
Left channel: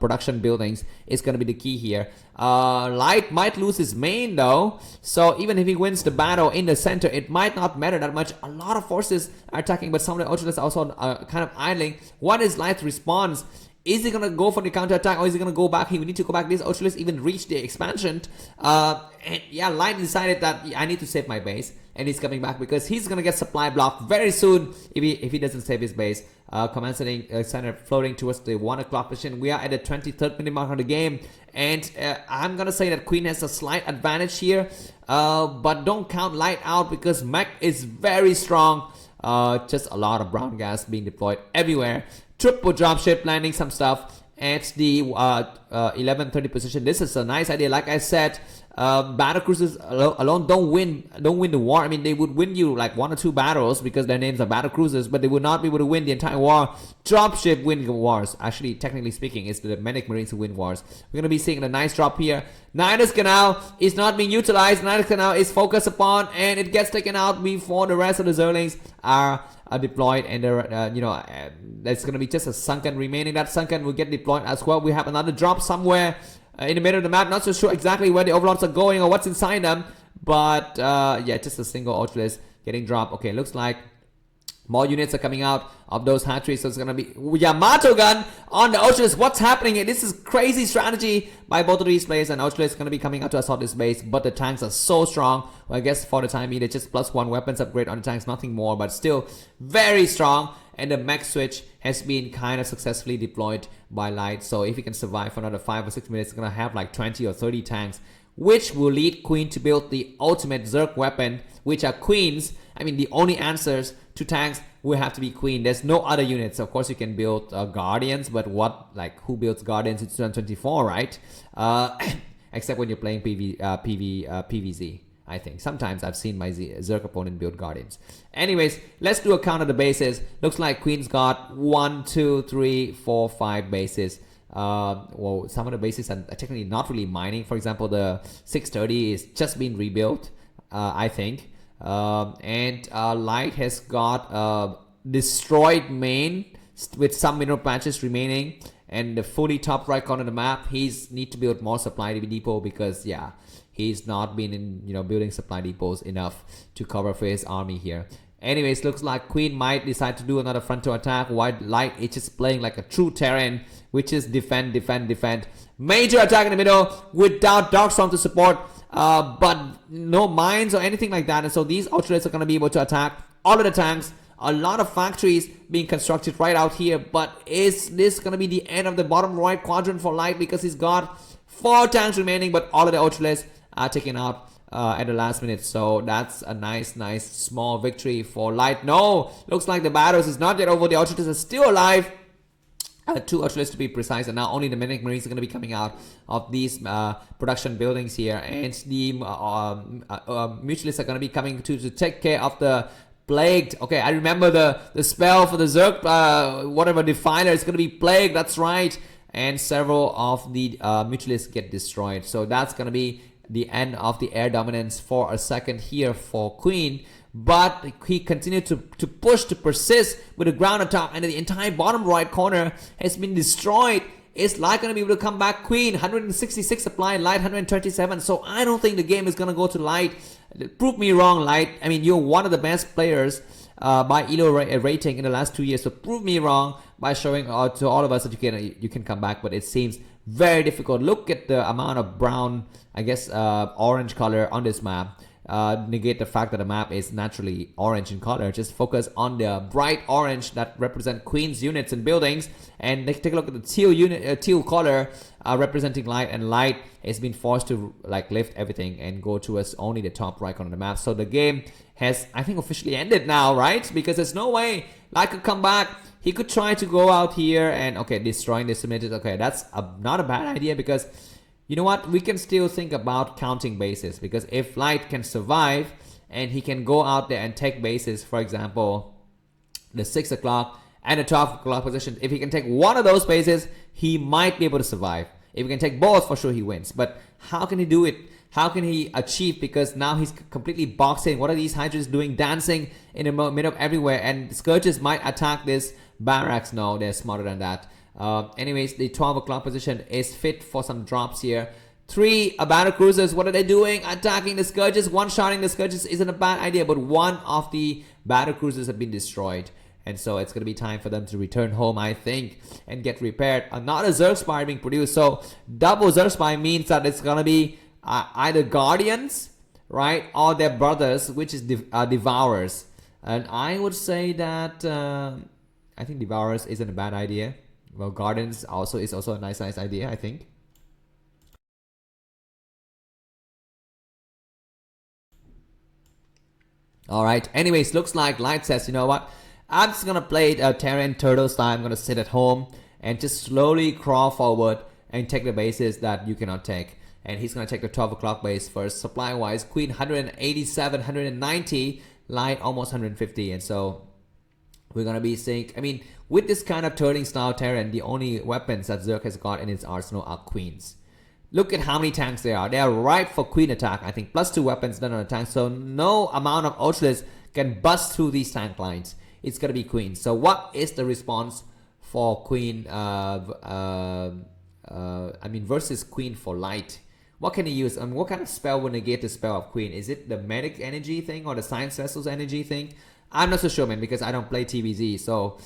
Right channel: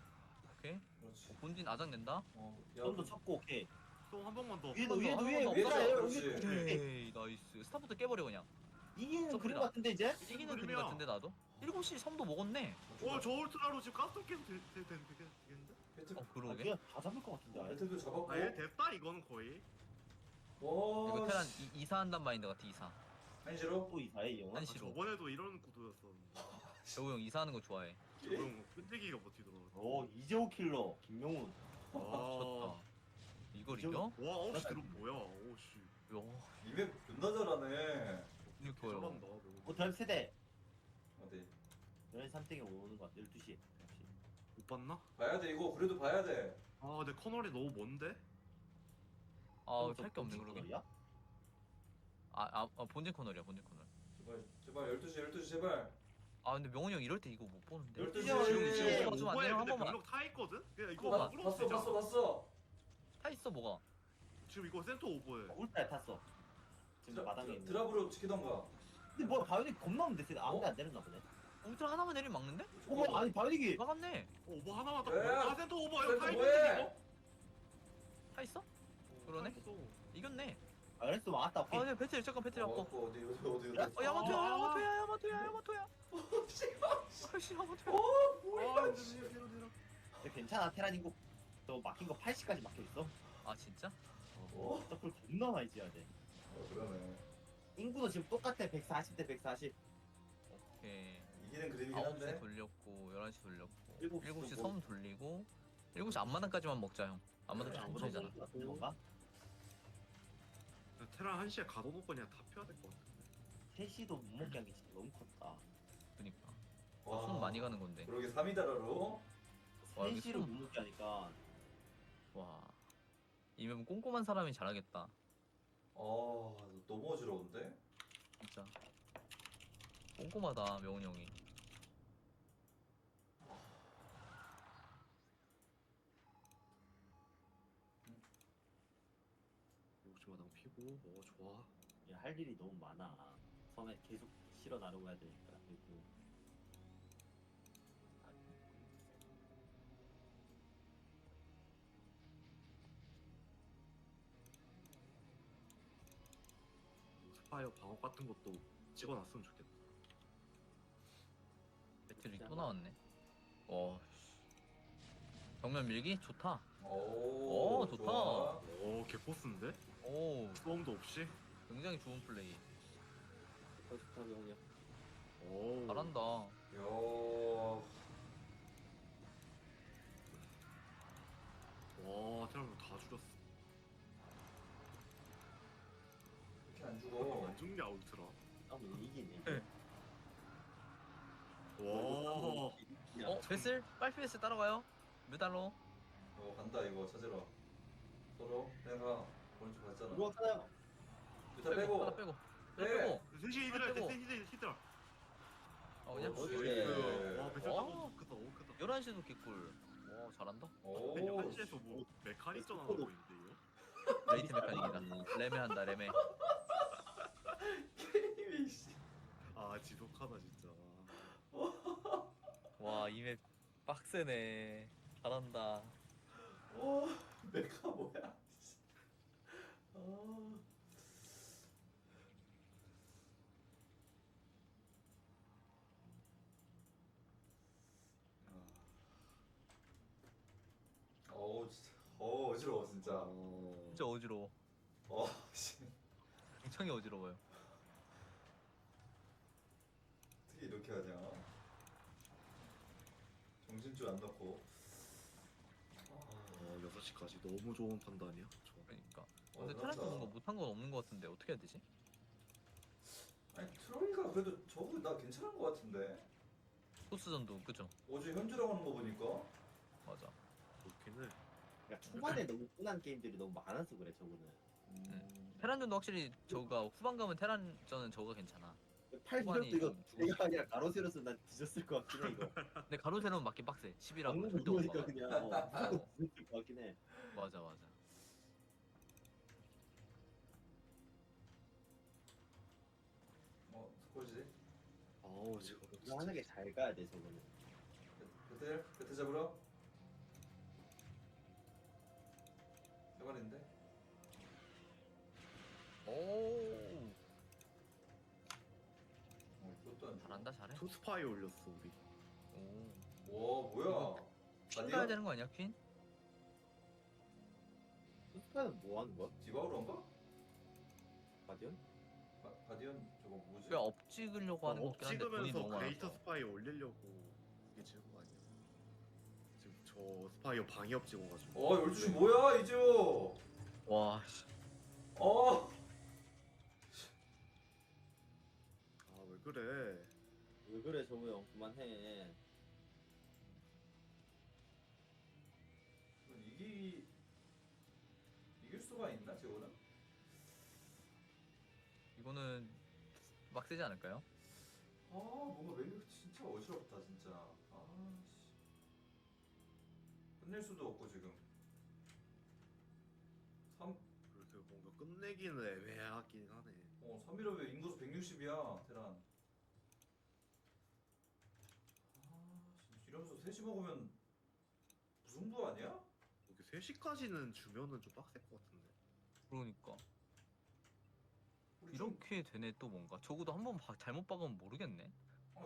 production buildings is going to be the key here. Light might lose his main though, so even if he wins the battle in the center, it might not matter that much. A lot of forces are attacking, but some of the Ultras are also kind of idling. What is Light's response? Is he gonna go for the counter attack or is he gonna go back? He would need to go back. These Ultras even reached the expansion. And yeah, Light decided that I need to save my base, and he's coming back because he's gonna get supply blocked very soon if he doesn't save his base. Command center floating towards the 1 o'clock position. We are at the 23rd minute mark of the game, and I'm gonna say that Queen has a slight advantage here, but don't count Light out because Mech is very strong. Just a lot of brown gas being deployed everywhere. Triple dropship landing some stuff at the 11:30 position. This is a nice idea. Like I said, battle cruisers alone don't win the war. I mean, they would win you like 1 or 2 battles because their names are battle cruisers, but they would not be able to win the entire war. Dropship win wars. Actually, technically speaking, it's the medic marines who win wars. We're gonna be seeing a nice drop here. Nidus Canal is not being utilized. Nidus Canal is focused upon, and it gets taken out before the rest of the Zerlings are deployed. And there's going to be just a Sunken remaining. That Sunken will get deployed as well. We have another drop somewhere in the middle of the map. Not so sure exactly where the Overlords are going or what's inside them, but yeah, just a single Ultras getting dropped. Okay, looks like more units are coming out of those hatcheries, so it's gonna be Yamato gun on the Ultras. What's happening here? This is crazy strategy by both of these players, and Ultras is gonna be coming out to assault this base, but the tanks are so strong. Well, I guess for the time being, they just +1 weapons upgrade on the tanks, nothing more, but still very strong. And the mech switch has been kind of successfully deployed by Light, so if he can survive for another 5 or 6 minutes, it's gonna have like 20 or 30 tanks, which will lead Queen to build the ultimate Zerg weapon, which are Queens. I mean, the only answers to tanks will have to be Queen. There's no other units. Of course, you can build Guardians, but who builds Guardians in 2024, right? Except when you're playing PvZ, I think. Sometimes I've seen my Zerg opponent build Guardians. Anyways, let's do a count of the bases. Looks like Queen's got 1, 2, 3, 4, 5 bases. Well, some of the bases are technically not really mining. For example, the 630 is just being rebuilt, I think. And Light has got destroyed main with some mineral patches remaining, and the fully top right corner of the map, he's need to build more supply depot because yeah, he's not been in building supply depots enough to cover for his army here. Anyways, looks like Queen might decide to do another frontal attack. White Light is just playing like a true Terran, which is defend. Major attack in the middle without Darkstorm to support, but no mines or anything like that. And so these Ultralights are going to be able to attack all of the tanks. A lot of factories being constructed right out here. But is this going to be the end of the bottom right quadrant for Light? Because he's got 4 tanks remaining, but all of the Ultralights are taken out at the last minute. So that's a nice small victory for Light. No, looks like the battles is not yet over. The Ultras are still alive. 2 Ultras to be precise, and now only the Medic Marines are going to be coming out of these production buildings here, and the Mutualists are going to be coming to take care of the Plagued. Okay, I remember the spell for the Zerg, whatever Defiler is going to be Plagued. That's right, and several of the Mutualists get destroyed. So that's going to be the end of the air dominance for a second here for Queen. But he continued to push, to persist with the ground attack, and the entire bottom right corner has been destroyed. Is Light going to be able to come back? Queen 166 supply, Light 127. So I don't think the game is going to go to Light. Prove me wrong, Light. I mean, you're one of the best players by ELO rating in the last 2 years. So prove me wrong by showing to all of us that you can come back. But it seems very difficult. Look at the amount of brown, I guess, orange color on this map. Negate the fact that the map is naturally orange in color. Just focus on the bright orange that represent Queen's units and buildings, and take a look at the teal color representing Light, and Light has been forced to like lift everything and go towards only the top right on the map. So the game has, I think, officially ended now, right? Because there's no way Light could come back. He could try to go out here and destroying the cemented. Okay, that's not a bad idea, because you know what? We can still think about counting bases, because if Light can survive and he can go out there and take bases, for example, the 6 o'clock and the 12 o'clock position, if he can take one of those bases, he might be able to survive. If he can take both, for sure he wins. But how can he do it? How can he achieve? Because now he's completely boxed in. What are these Hydras doing? Dancing in the middle of everywhere. And Scourges might attack this barracks. No, they're smarter than that. Anyways, the 12 o'clock position is fit for some drops here. 3 battle cruisers, what are they doing? Attacking the Scourges. One-shotting the Scourges isn't a bad idea, but one of the battle cruisers have been destroyed. And so it's going to be time for them to return home, I think, and get repaired. Another Zerg Spire being produced. So double Zerg Spire means that it's going to be either Guardians, right, or their brothers, which is Devourers. And I would say that I think Devourers isn't a bad idea. Well, Gardens is also a nice idea, I think. Alright, anyways, looks like Light says, you know what? I'm just gonna play Terran Turtle style. I'm gonna sit at home and just slowly crawl forward and take the bases that you cannot take. And he's gonna take the 12 o'clock base first. Supply wise, Queen 187, 190, Light almost 150, and so we're gonna be seeing, I mean, with this kind of turning style Terran, the only weapons that Zerg has got in its arsenal are Queens. Look at how many tanks there are. They are ripe for Queen attack. I think +2 weapons done on a tank. So no amount of Ultras can bust through these tank lines. It's going to be Queen. So what is the response for Queen? I mean versus Queen for Light. What can he use? And what kind of spell will negate the spell of Queen? Is it the Medic energy thing or the Science Vessels energy thing? I'm not so sure, man, because I don't play TVZ. So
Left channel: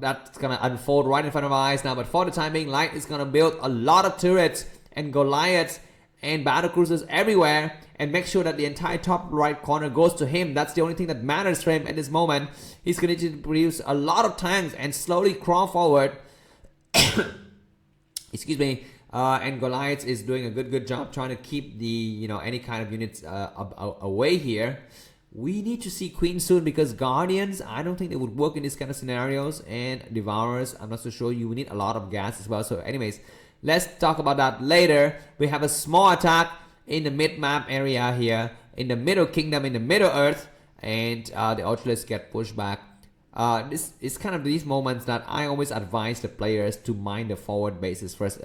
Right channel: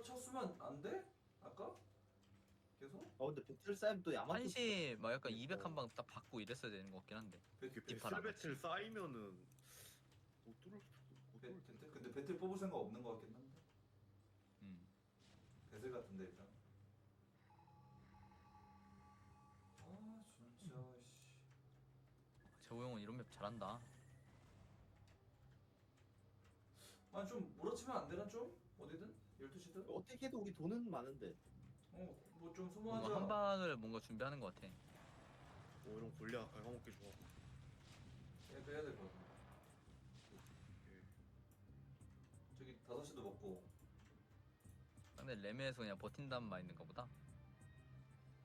that's going to unfold right in front of our eyes now. But for the time being, Light is going to build a lot of turrets and Goliaths and battle cruisers everywhere, and make sure that the entire top right corner goes to him. That's the only thing that matters for him at this moment. He's going to produce a lot of tanks and slowly crawl forward. Excuse me. And Goliaths is doing a good job trying to keep the any kind of units away here. We need to see Queen soon, because Guardians, I don't think they would work in these kind of scenarios, and Devourers, I'm not so sure. You need a lot of gas as well. So anyways, let's talk about that later. We have a small attack in the mid-map area here, in the middle kingdom, in the middle earth, and the Ultralights get pushed back. This is kind of these moments that I always advise the players to mine the forward bases first,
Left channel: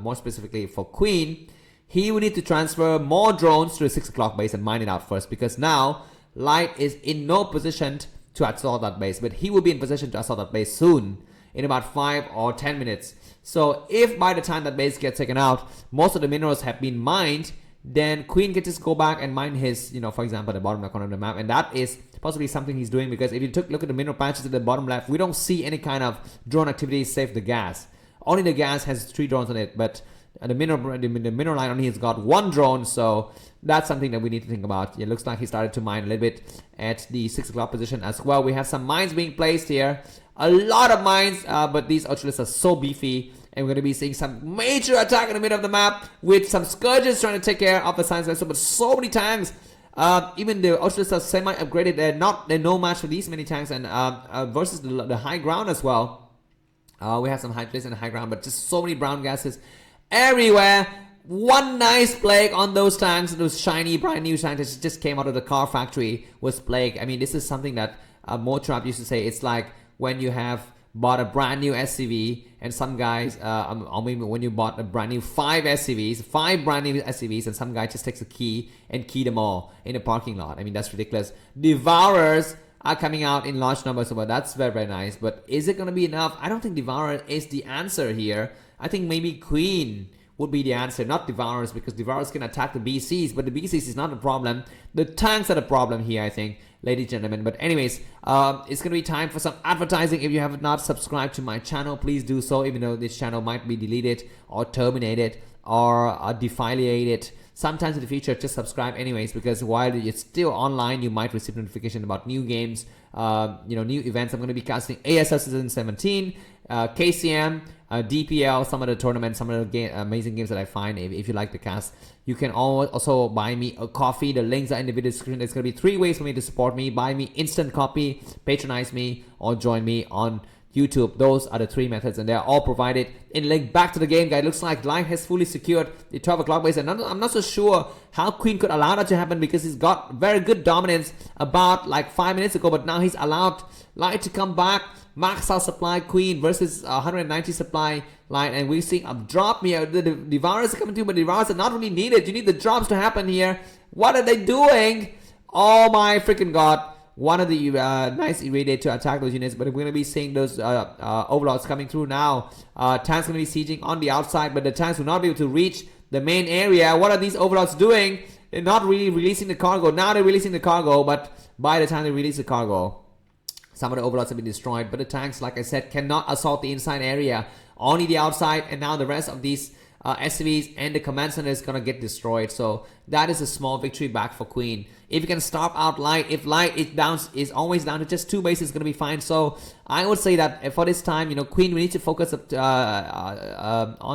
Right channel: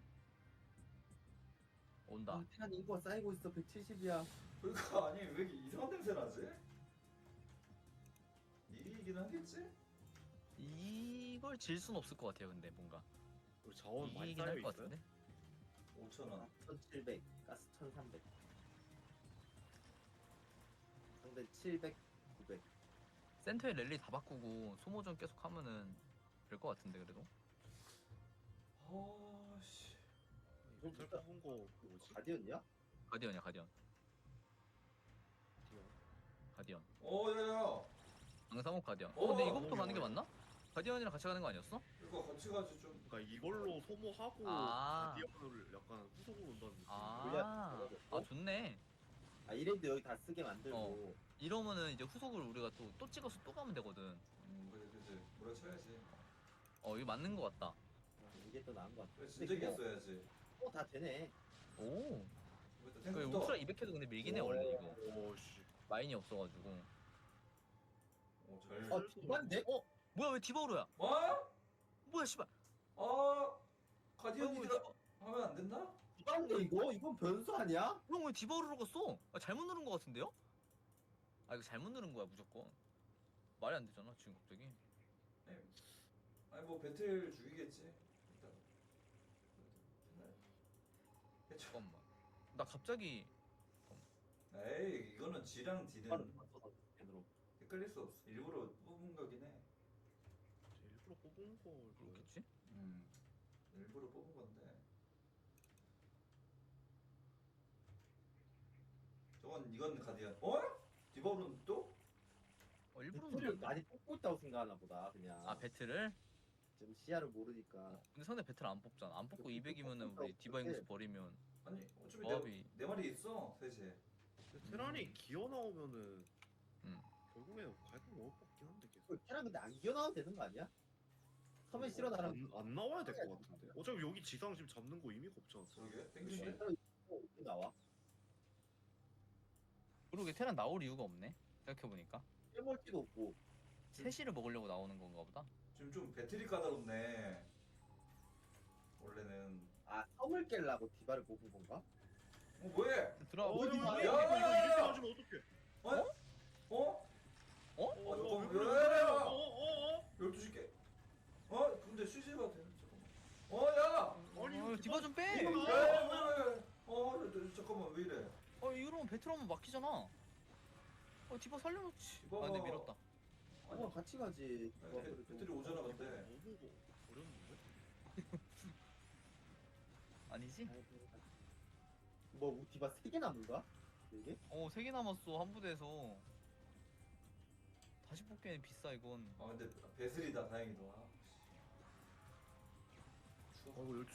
more specifically for Queen. He will need to transfer more drones to the 6 o'clock base and mine it out first, because now Light is in no position to assault that base, but he will be in position to assault that base soon, in about 5 or 10 minutes. So if by the time that base gets taken out, most of the minerals have been mined, then Queen can just go back and mine his, for example, the bottom left corner of the map, and that is possibly something he's doing, because if you look at the mineral patches at the bottom left, we don't see any kind of drone activity save the gas. Only the gas has 3 drones on it, but the mineral line only has got 1 drone, so that's something that we need to think about. It looks like he started to mine a little bit at the 6 o'clock position as well. We have some mines being placed here, a lot of mines, but these Ultralists are so beefy, and we're going to be seeing some major attack in the middle of the map with some Scourges trying to take care of the science vessel, but so many tanks. Even the Ultralists are semi-upgraded. They're no match for these many tanks, and versus the high ground as well. We have some high place and high ground, but just so many brown gases everywhere. One nice plague on those tanks, those shiny brand new tanks that just came out of the car factory was plague. I mean, this is something that Motrap used to say. It's like when you have bought a brand new SCV and some guys, or maybe when you bought a brand new 5 brand new SCVs, and some guy just takes a key and key them all in a parking lot. I mean, that's ridiculous. Devourers are coming out in large numbers, so that's very, very nice. But is it going to be enough? I don't think Devourer is the answer here. I think maybe Queen would be the answer, not Devourers, because Devourers can attack the BCs, but the BCs is not the problem. The tanks are the problem here, I think, ladies and gentlemen. But anyways, it's gonna be time for some advertising. If you have not subscribed to my channel, please do so, even though this channel might be deleted or terminated or defiliated sometimes in the future. Just subscribe anyways, because while it's still online, you might receive notification about new games, new events. I'm going to be casting ASL Season 17, KCM, DPL, some of the tournaments, some of the amazing games that I find. If you like the cast, you can also buy me a coffee. The links are in the video description. There's going to be 3 ways for me to support me: buy me instant copy, patronize me, or join me on YouTube. Those are the 3 methods, and they are all provided in link. Back to the game, guys. Looks like Light has fully secured the 12 o'clock base, and I'm not so sure how Queen could allow that to happen, because he's got very good dominance about like 5 minutes ago, but now he's allowed Light to come back. Max out supply Queen versus 190 supply Light, and we're seeing a drop here. The Devourers are coming through, but Devourers are not really needed. You need the drops to happen here. What are they doing? Oh my freaking god. One of the nice irradiate to attack those units, but we're going to be seeing those overlords coming through now. Tanks going to be sieging on the outside, but the tanks will not be able to reach the main area. What are these overlords doing? They're not really releasing the cargo. Now they're releasing the cargo, but by the time they release the cargo, some of the overlords have been destroyed. But the tanks, like I said, cannot assault the inside area, only the outside, and now the rest of these SCVs and the command center is going to get destroyed. So that is a small victory back for Queen. If you can stop out Light, if Light is always down to just 2 bases, it's going to be fine. So I would say that for this time, Queen, we need to focus on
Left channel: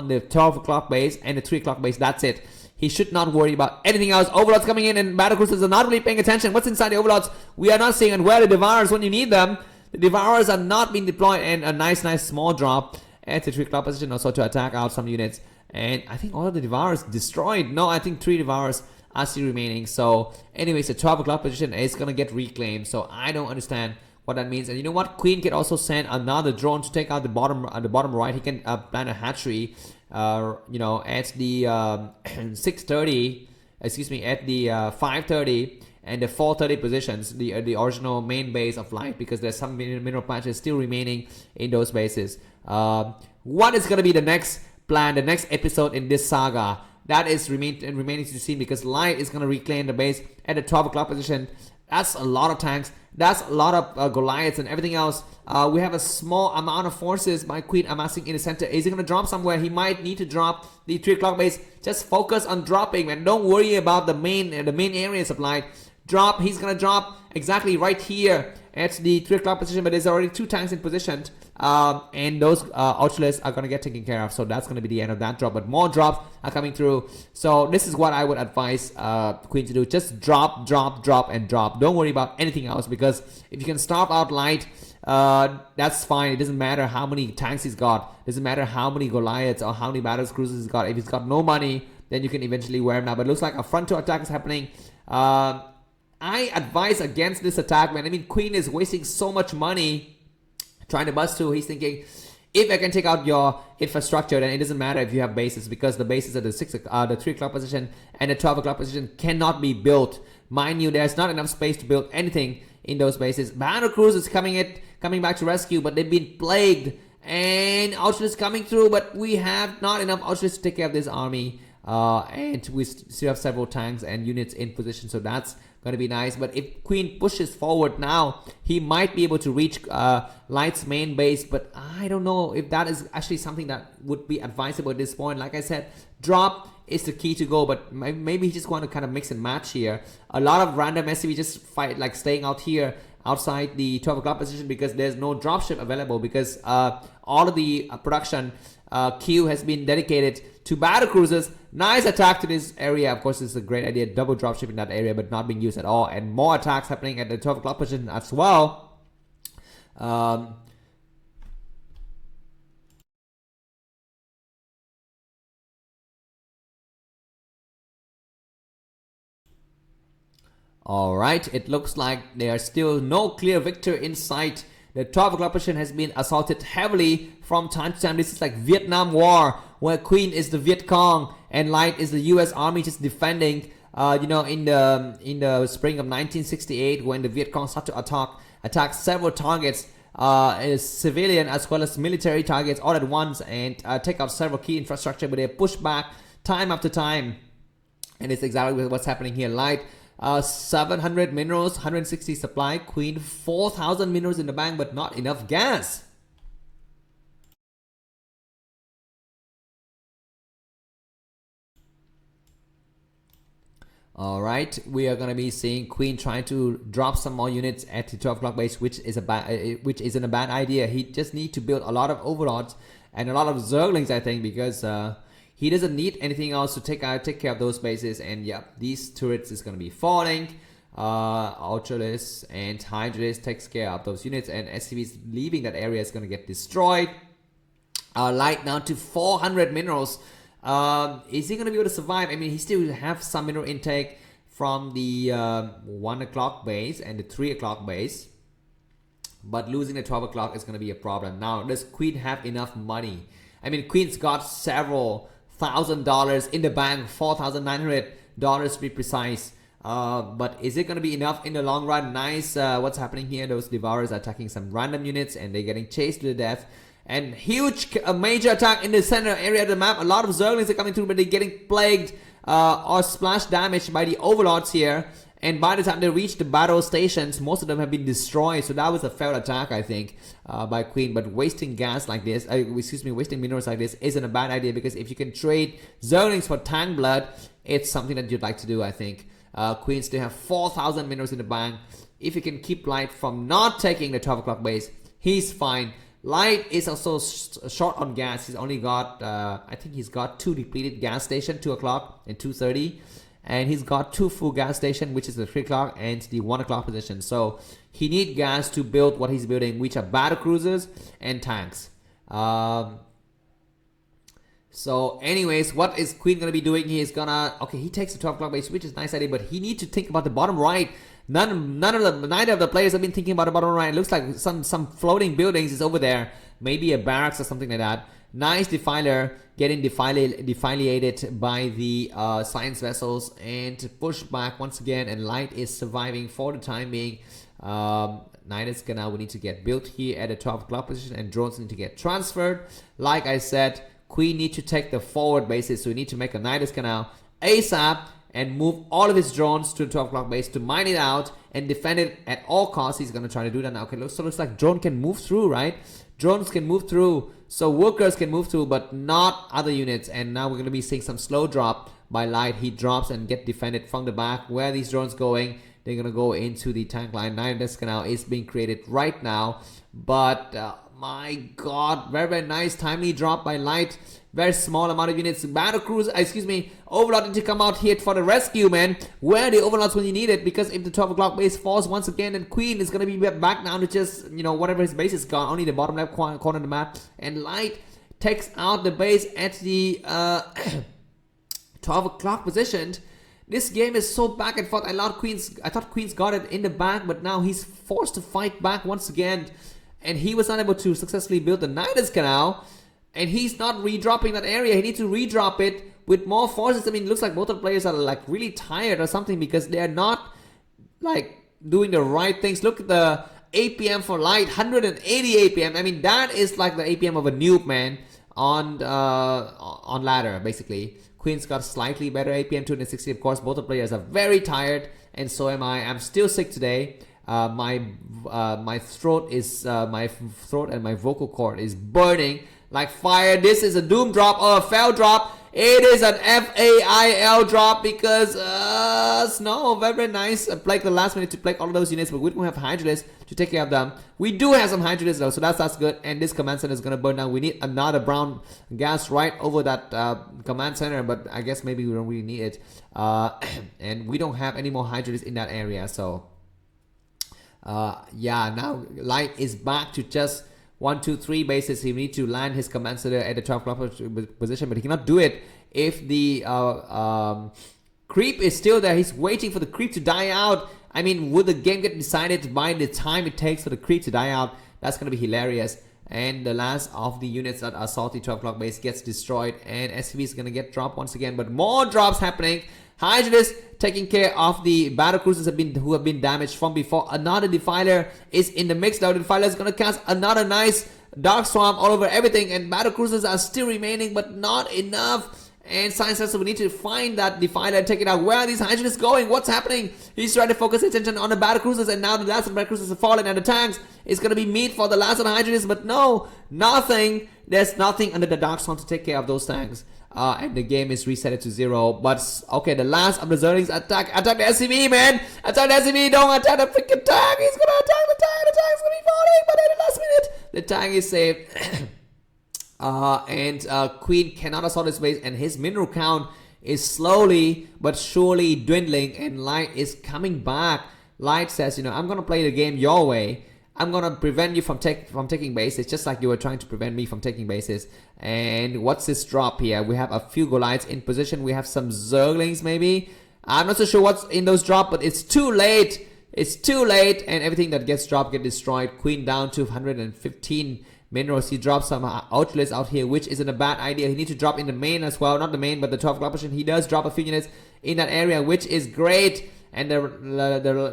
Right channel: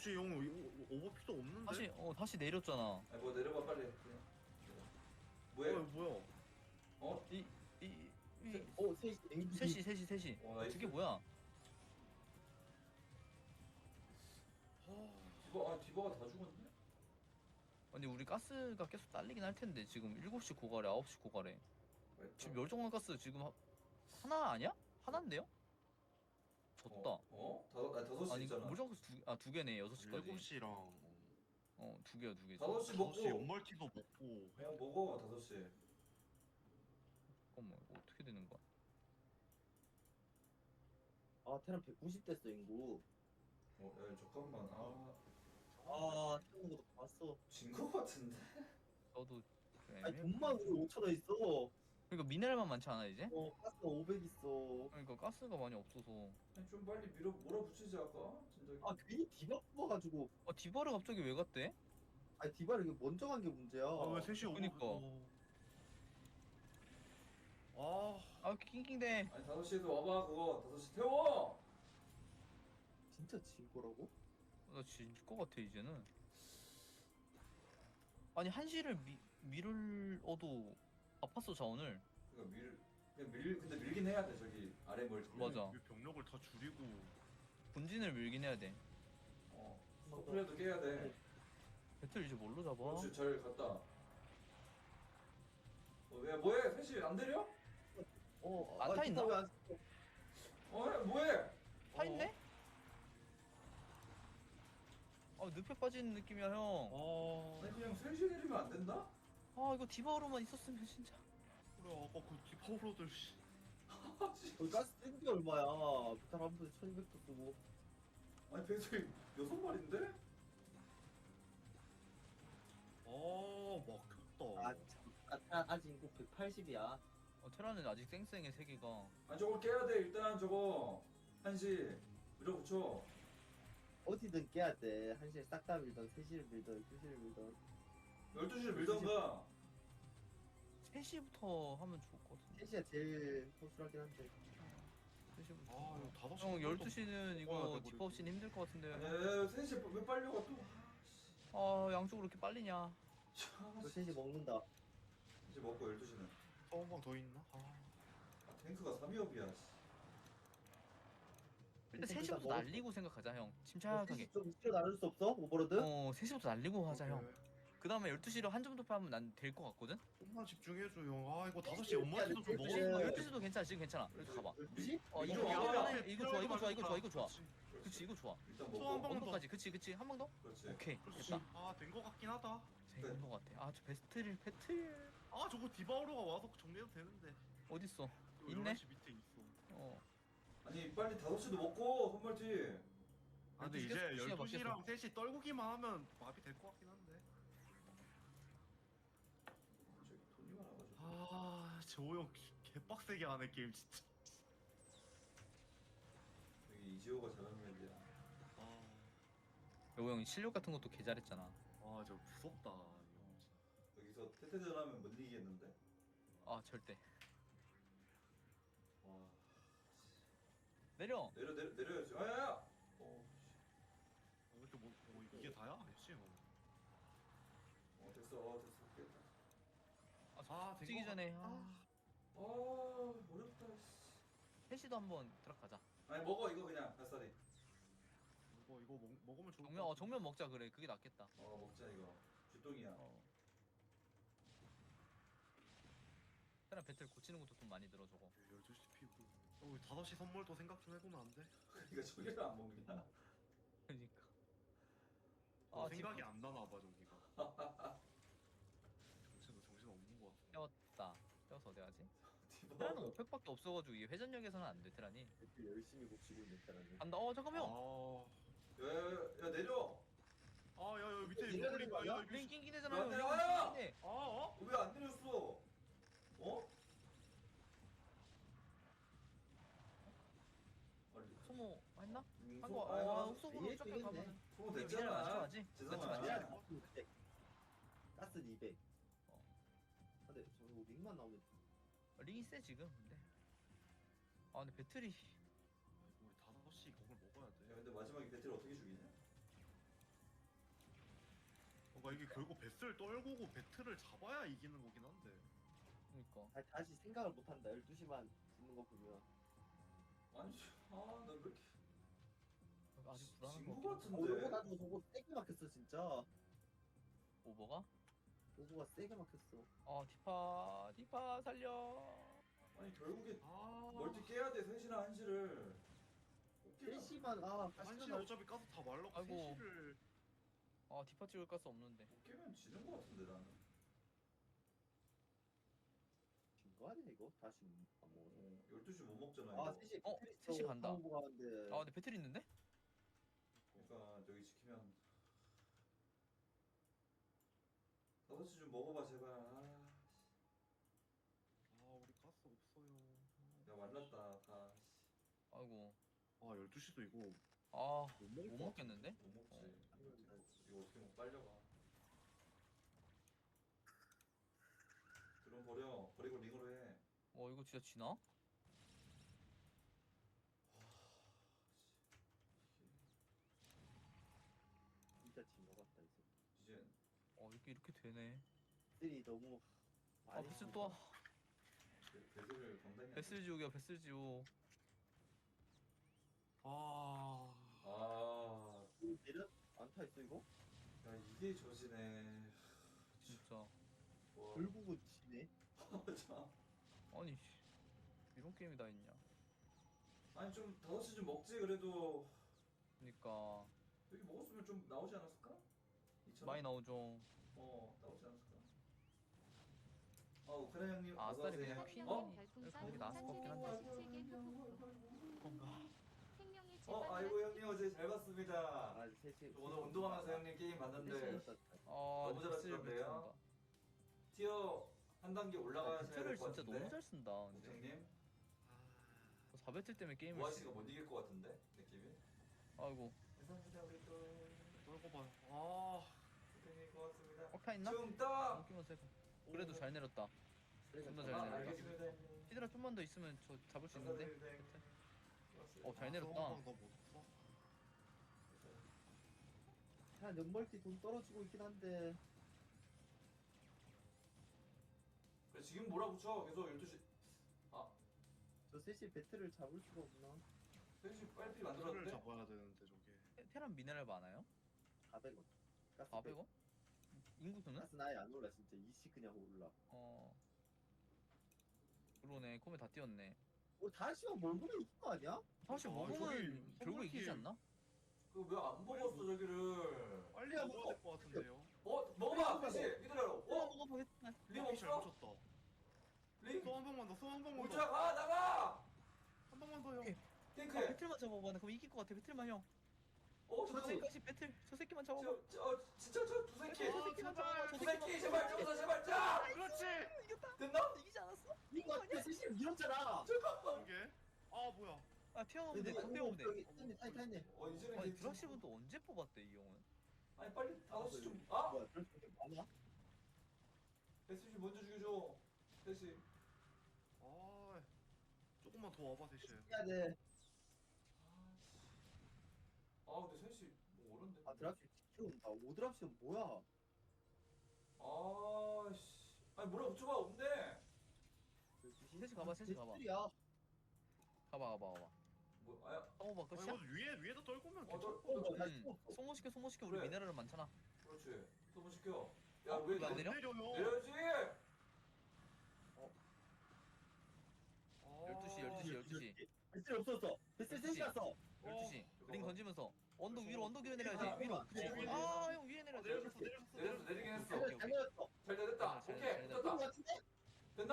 the 12 o'clock base and the 3 o'clock base. That's it. He should not worry about anything else. Overlords coming in, and battlecruisers are not really paying attention. What's inside the overlords? We are not seeing. And where are the Devourers when you need them? The Devourers are not being deployed, and a nice small drop at the 3 o'clock position also to attack out some units. And I think all of the Devourers destroyed. No, I think 3 Devourers are still remaining. So anyways, the 12 o'clock position is going to get reclaimed. So I don't understand what that means. And you know what? Queen can also send another drone to take out the bottom right. He can plant a hatchery, at the 6:30, excuse me, at the 5:30 and the 4:30 positions, the original main base of Light, because there's some mineral patches still remaining in those bases. What is going to be the next plan, the next episode in this saga? That is remaining to be seen, because Light is going to reclaim the base at the 12 o'clock position. That's a lot of tanks. That's a lot of Goliaths and everything else. We have a small amount of forces by Queen amassing in the center. Is he going to drop somewhere? He might need to drop the 3 o'clock base. Just focus on dropping, man. Don't worry about the main areas of Light. Drop. He's going to drop exactly right here at the 3 o'clock position, but there's already 2 tanks in position. And those Ultralists are going to get taken care of. So that's going to be the end of that drop. But more drops are coming through. So this is what I would advise Queen to do. Just drop, and drop. Don't worry about anything else, because if you can stop out Light, that's fine. It doesn't matter how many tanks he's got. It doesn't matter how many Goliaths or how many battle cruisers he's got. If he's got no money, then you can eventually wear him now. But it looks like a frontal attack is happening. I advise against this attack, man. I mean, Queen is wasting so much money trying to bust through. He's thinking, if I can take out your infrastructure, then it doesn't matter if you have bases, because the bases at the 3 o'clock position and the 12 o'clock position cannot be built. Mind you, there's not enough space to build anything in those bases. Battle Cruise is coming back to rescue, but they've been plagued. And Ultra is coming through, but we have not enough Ultras to take care of this army. And we still have several tanks and units in position, so that's going to be nice. But if Queen pushes forward now, he might be able to reach Light's main base, but I don't know if that is actually something that would be advisable at this point. Like I said, drop is the key to go, but maybe he just want to kind of mix and match here. A lot of random SCV just fight, like staying out here outside the 12 o'clock position because there's no dropship available, because all of the production queue has been dedicated to battle cruisers. Nice attack to this area. Of course, it's a great idea. Double dropship in that area, but not being used at all. And more attacks happening at the 12 o'clock position as well. Alright, it looks like there are still no clear victor in sight. The 12 o'clock position has been assaulted heavily from time to time. This is like Vietnam War, where Queen is the Viet Cong and Light is the US Army just defending. You know, in the spring of 1968, when the Viet Cong started to attack several targets, civilian as well as military targets all at once, and take out several key infrastructure, but they push back time after time. And it's exactly what's happening here. Light 700 minerals, 160 supply. Queen 4,000 minerals in the bank, but not enough gas. Alright, we are gonna be seeing Queen trying to drop some more units at the 12 o'clock base, which isn't a bad idea. He just need to build a lot of overlords and a lot of zerglings, I think, because he doesn't need anything else to take care of those bases. And yeah, these turrets is gonna be falling. Ultralis and Hydralis takes care of those units, and SCVs leaving that area is gonna get destroyed. Light now to 400 minerals. Is he gonna be able to survive? I mean, he still have some mineral intake from the 1 o'clock base and the 3 o'clock base, but losing the 12 o'clock is gonna be a problem. Now, does Queen have enough money? I mean, Queen's got several $1,000 in the bank, $4,900 to be precise. But is it going to be enough in the long run? Nice. What's happening here? Those Devourers are attacking some random units, and they're getting chased to the death. And huge, major attack in the center area of the map. A lot of Zerglings are coming through, but they're getting plagued or splash damaged by the Overlords here. And by the time they reach the battle stations, most of them have been destroyed. So that was a failed attack, I think, by Queen. But wasting gas like this, wasting minerals like this isn't a bad idea, because if you can trade Zerglings for tank blood, it's something that you'd like to do, I think. Queen still have 4,000 minerals in the bank. If you can keep Light from not taking the 12 o'clock base, he's fine. Light is also short on gas. He's only got, I think he's got 2 depleted gas stations, 2 o'clock and 2:30. And he's got 2 full gas stations, which is the 3 o'clock and the 1 o'clock position. So he needs gas to build what he's building, which are battle cruisers and tanks. So anyways, what is Queen going to be doing? He is gonna, okay, he takes the 12 o'clock base, which is a nice idea, but he needs to think about the bottom right. Neither of the players have been thinking about the bottom right. It looks like some floating buildings is over there. Maybe a barracks or something like that. Nice defiler getting defiliated by the science vessels, and push back once again, and Light is surviving for the time being. Nidus Canal will need to get built here at the 12 o'clock position, and drones need to get transferred. Like I said, Queen need to take the forward bases, so we need to make a Nidus Canal ASAP and move all of his drones to the 12 o'clock base to mine it out and defend it at all costs. He's gonna try to do that now. Okay, looks like drone can move through, right? Drones can move through, so workers can move through, but not other units. And now we're gonna be seeing some slow drop by Light. He drops and get defended from the back. Where are these drones going? They're gonna go into the tank line. Nidus Canal is being created right now, but my god, very nice timely drop by Light. Very small amount of units. Battle cruise, Overlord need to come out here for the rescue, man. Where are the Overlords when you need it? Because if the 12 o'clock base falls once again, then Queen is gonna be back down to just, you know, whatever his base is gone. Only the bottom left corner of the map. And Light takes out the base at the 12 o'clock positioned. This game is so back and forth. I thought Queen's got it in the back, but now he's forced to fight back once again. And he was unable to successfully build the Nidus Canal. And he's not redropping that area. He needs to redrop it with more forces. I mean, it looks like both of the players are like really tired or something, because they're not like doing the right things. Look at the APM for Light, 180 APM. I mean, that is like the APM of a noob, man, on ladder, basically. Queen's got slightly better APM, 260. Of course, both the players are very tired, and so am I. I'm still sick today. My throat and my vocal cord is burning like fire. This is a doom drop or a fail drop. It is an FAIL drop because Snow, very nice. Like the last minute to play all of those units, but we don't have Hydralis to take care of them. We do have some Hydralis though, so that's good. And this command center is gonna burn down. We need another brown gas right over that command center, but I guess maybe we don't really need it. And we don't have any more Hydralis in that area, so yeah. Now Light is back to just 1, 2, 3 bases. He needs to land his command center at the 12 o'clock position, but he cannot do it if the creep is still there. He's waiting for the creep to die out. I mean, would the game get decided by the time it takes for the creep to die out? That's gonna be hilarious. And the last of the units that are salty 12 o'clock base gets destroyed, and SCV is gonna get dropped once again. But more drops happening. Hydralis taking care of the battle cruisers who have been damaged from before. Another Defiler is in the mix now. The Defiler is gonna cast another nice Dark Swamp all over everything, and battle cruisers are still remaining, but not enough. And Science says so we need to find that Defiler and take it out. Where are these Hydralis going? What's happening? He's trying to focus attention on the battle cruisers, and now the last of the battle cruisers have fallen, and the tanks is gonna be meat for the last of the Hydralis, but no, nothing. There's nothing under the Dark Swamp to take care of those tanks. And the game is reset to 0. But okay, the last of the Zerlings attack the SCV, man. Attack the SCV. Don't attack the freaking tank. He's gonna attack the tank. The tank's gonna be falling, but at the last minute, the tank is saved. And Queen cannot assault his base, and his mineral count is slowly but surely dwindling, and Light is coming back. Light says, you know, I'm gonna play the game your way. I'm gonna prevent you from taking bases, just like you were trying to prevent me from taking bases. And what's this drop here? We have a few Goliaths in position. We have some Zerglings maybe. I'm not so sure what's in those drops, but it's too late. It's too late, and everything that gets dropped gets destroyed. Queen down to 115 minerals. He drops some outlets out here, which isn't a bad idea. He needs to drop in the main as well. Not the main, but the 12 o'clock position. He does drop a few units in that area, which is great. And the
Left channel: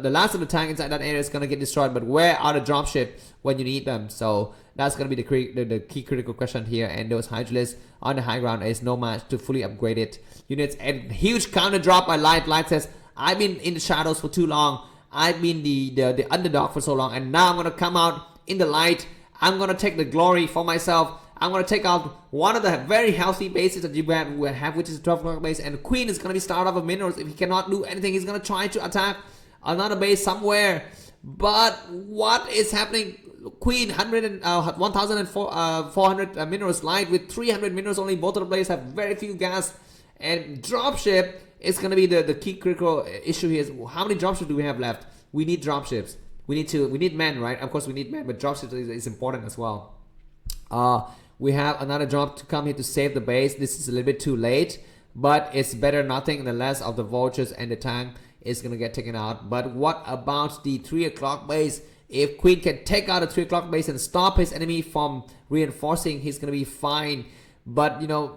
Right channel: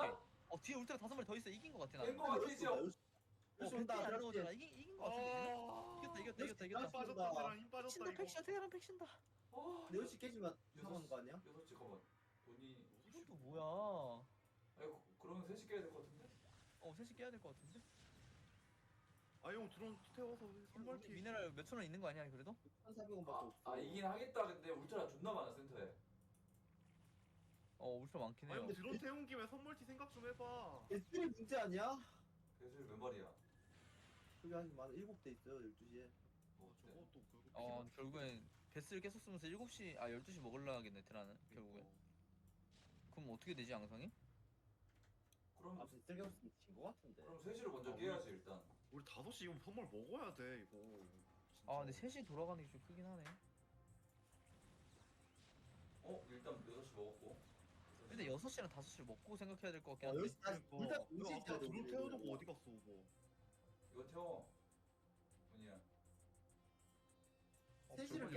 last of the tank inside that area is going to get destroyed. But where are the dropship when you need them? So that's going to be the key critical question here. And those Hydralis on the high ground is no match to fully upgrade it. Units and huge counter drop by Light. Light says, I've been in the shadows for too long. I've been the underdog for so long. And now I'm going to come out in the light. I'm going to take the glory for myself. I'm going to take out one of the very healthy bases that you have, which is a 12 o'clock base. And Queen is going to be starved of minerals. If he cannot do anything, he's going to try to attack another base somewhere. But what is happening? Queen 1,400 minerals. Light with 300 minerals only. Both of the players have very few gas. And dropship is going to be the key critical issue here. Is how many dropships do we have left? We need dropships. We need men, right? Of course we need men, but dropships is important as well. We have another drop to come here to save the base. This is a little bit too late, but it's better nothing than less of the vultures, and the tank is gonna get taken out. But what about the 3 o'clock base? If Queen can take out the 3 o'clock base and stop his enemy from reinforcing, he's gonna be fine. But you know,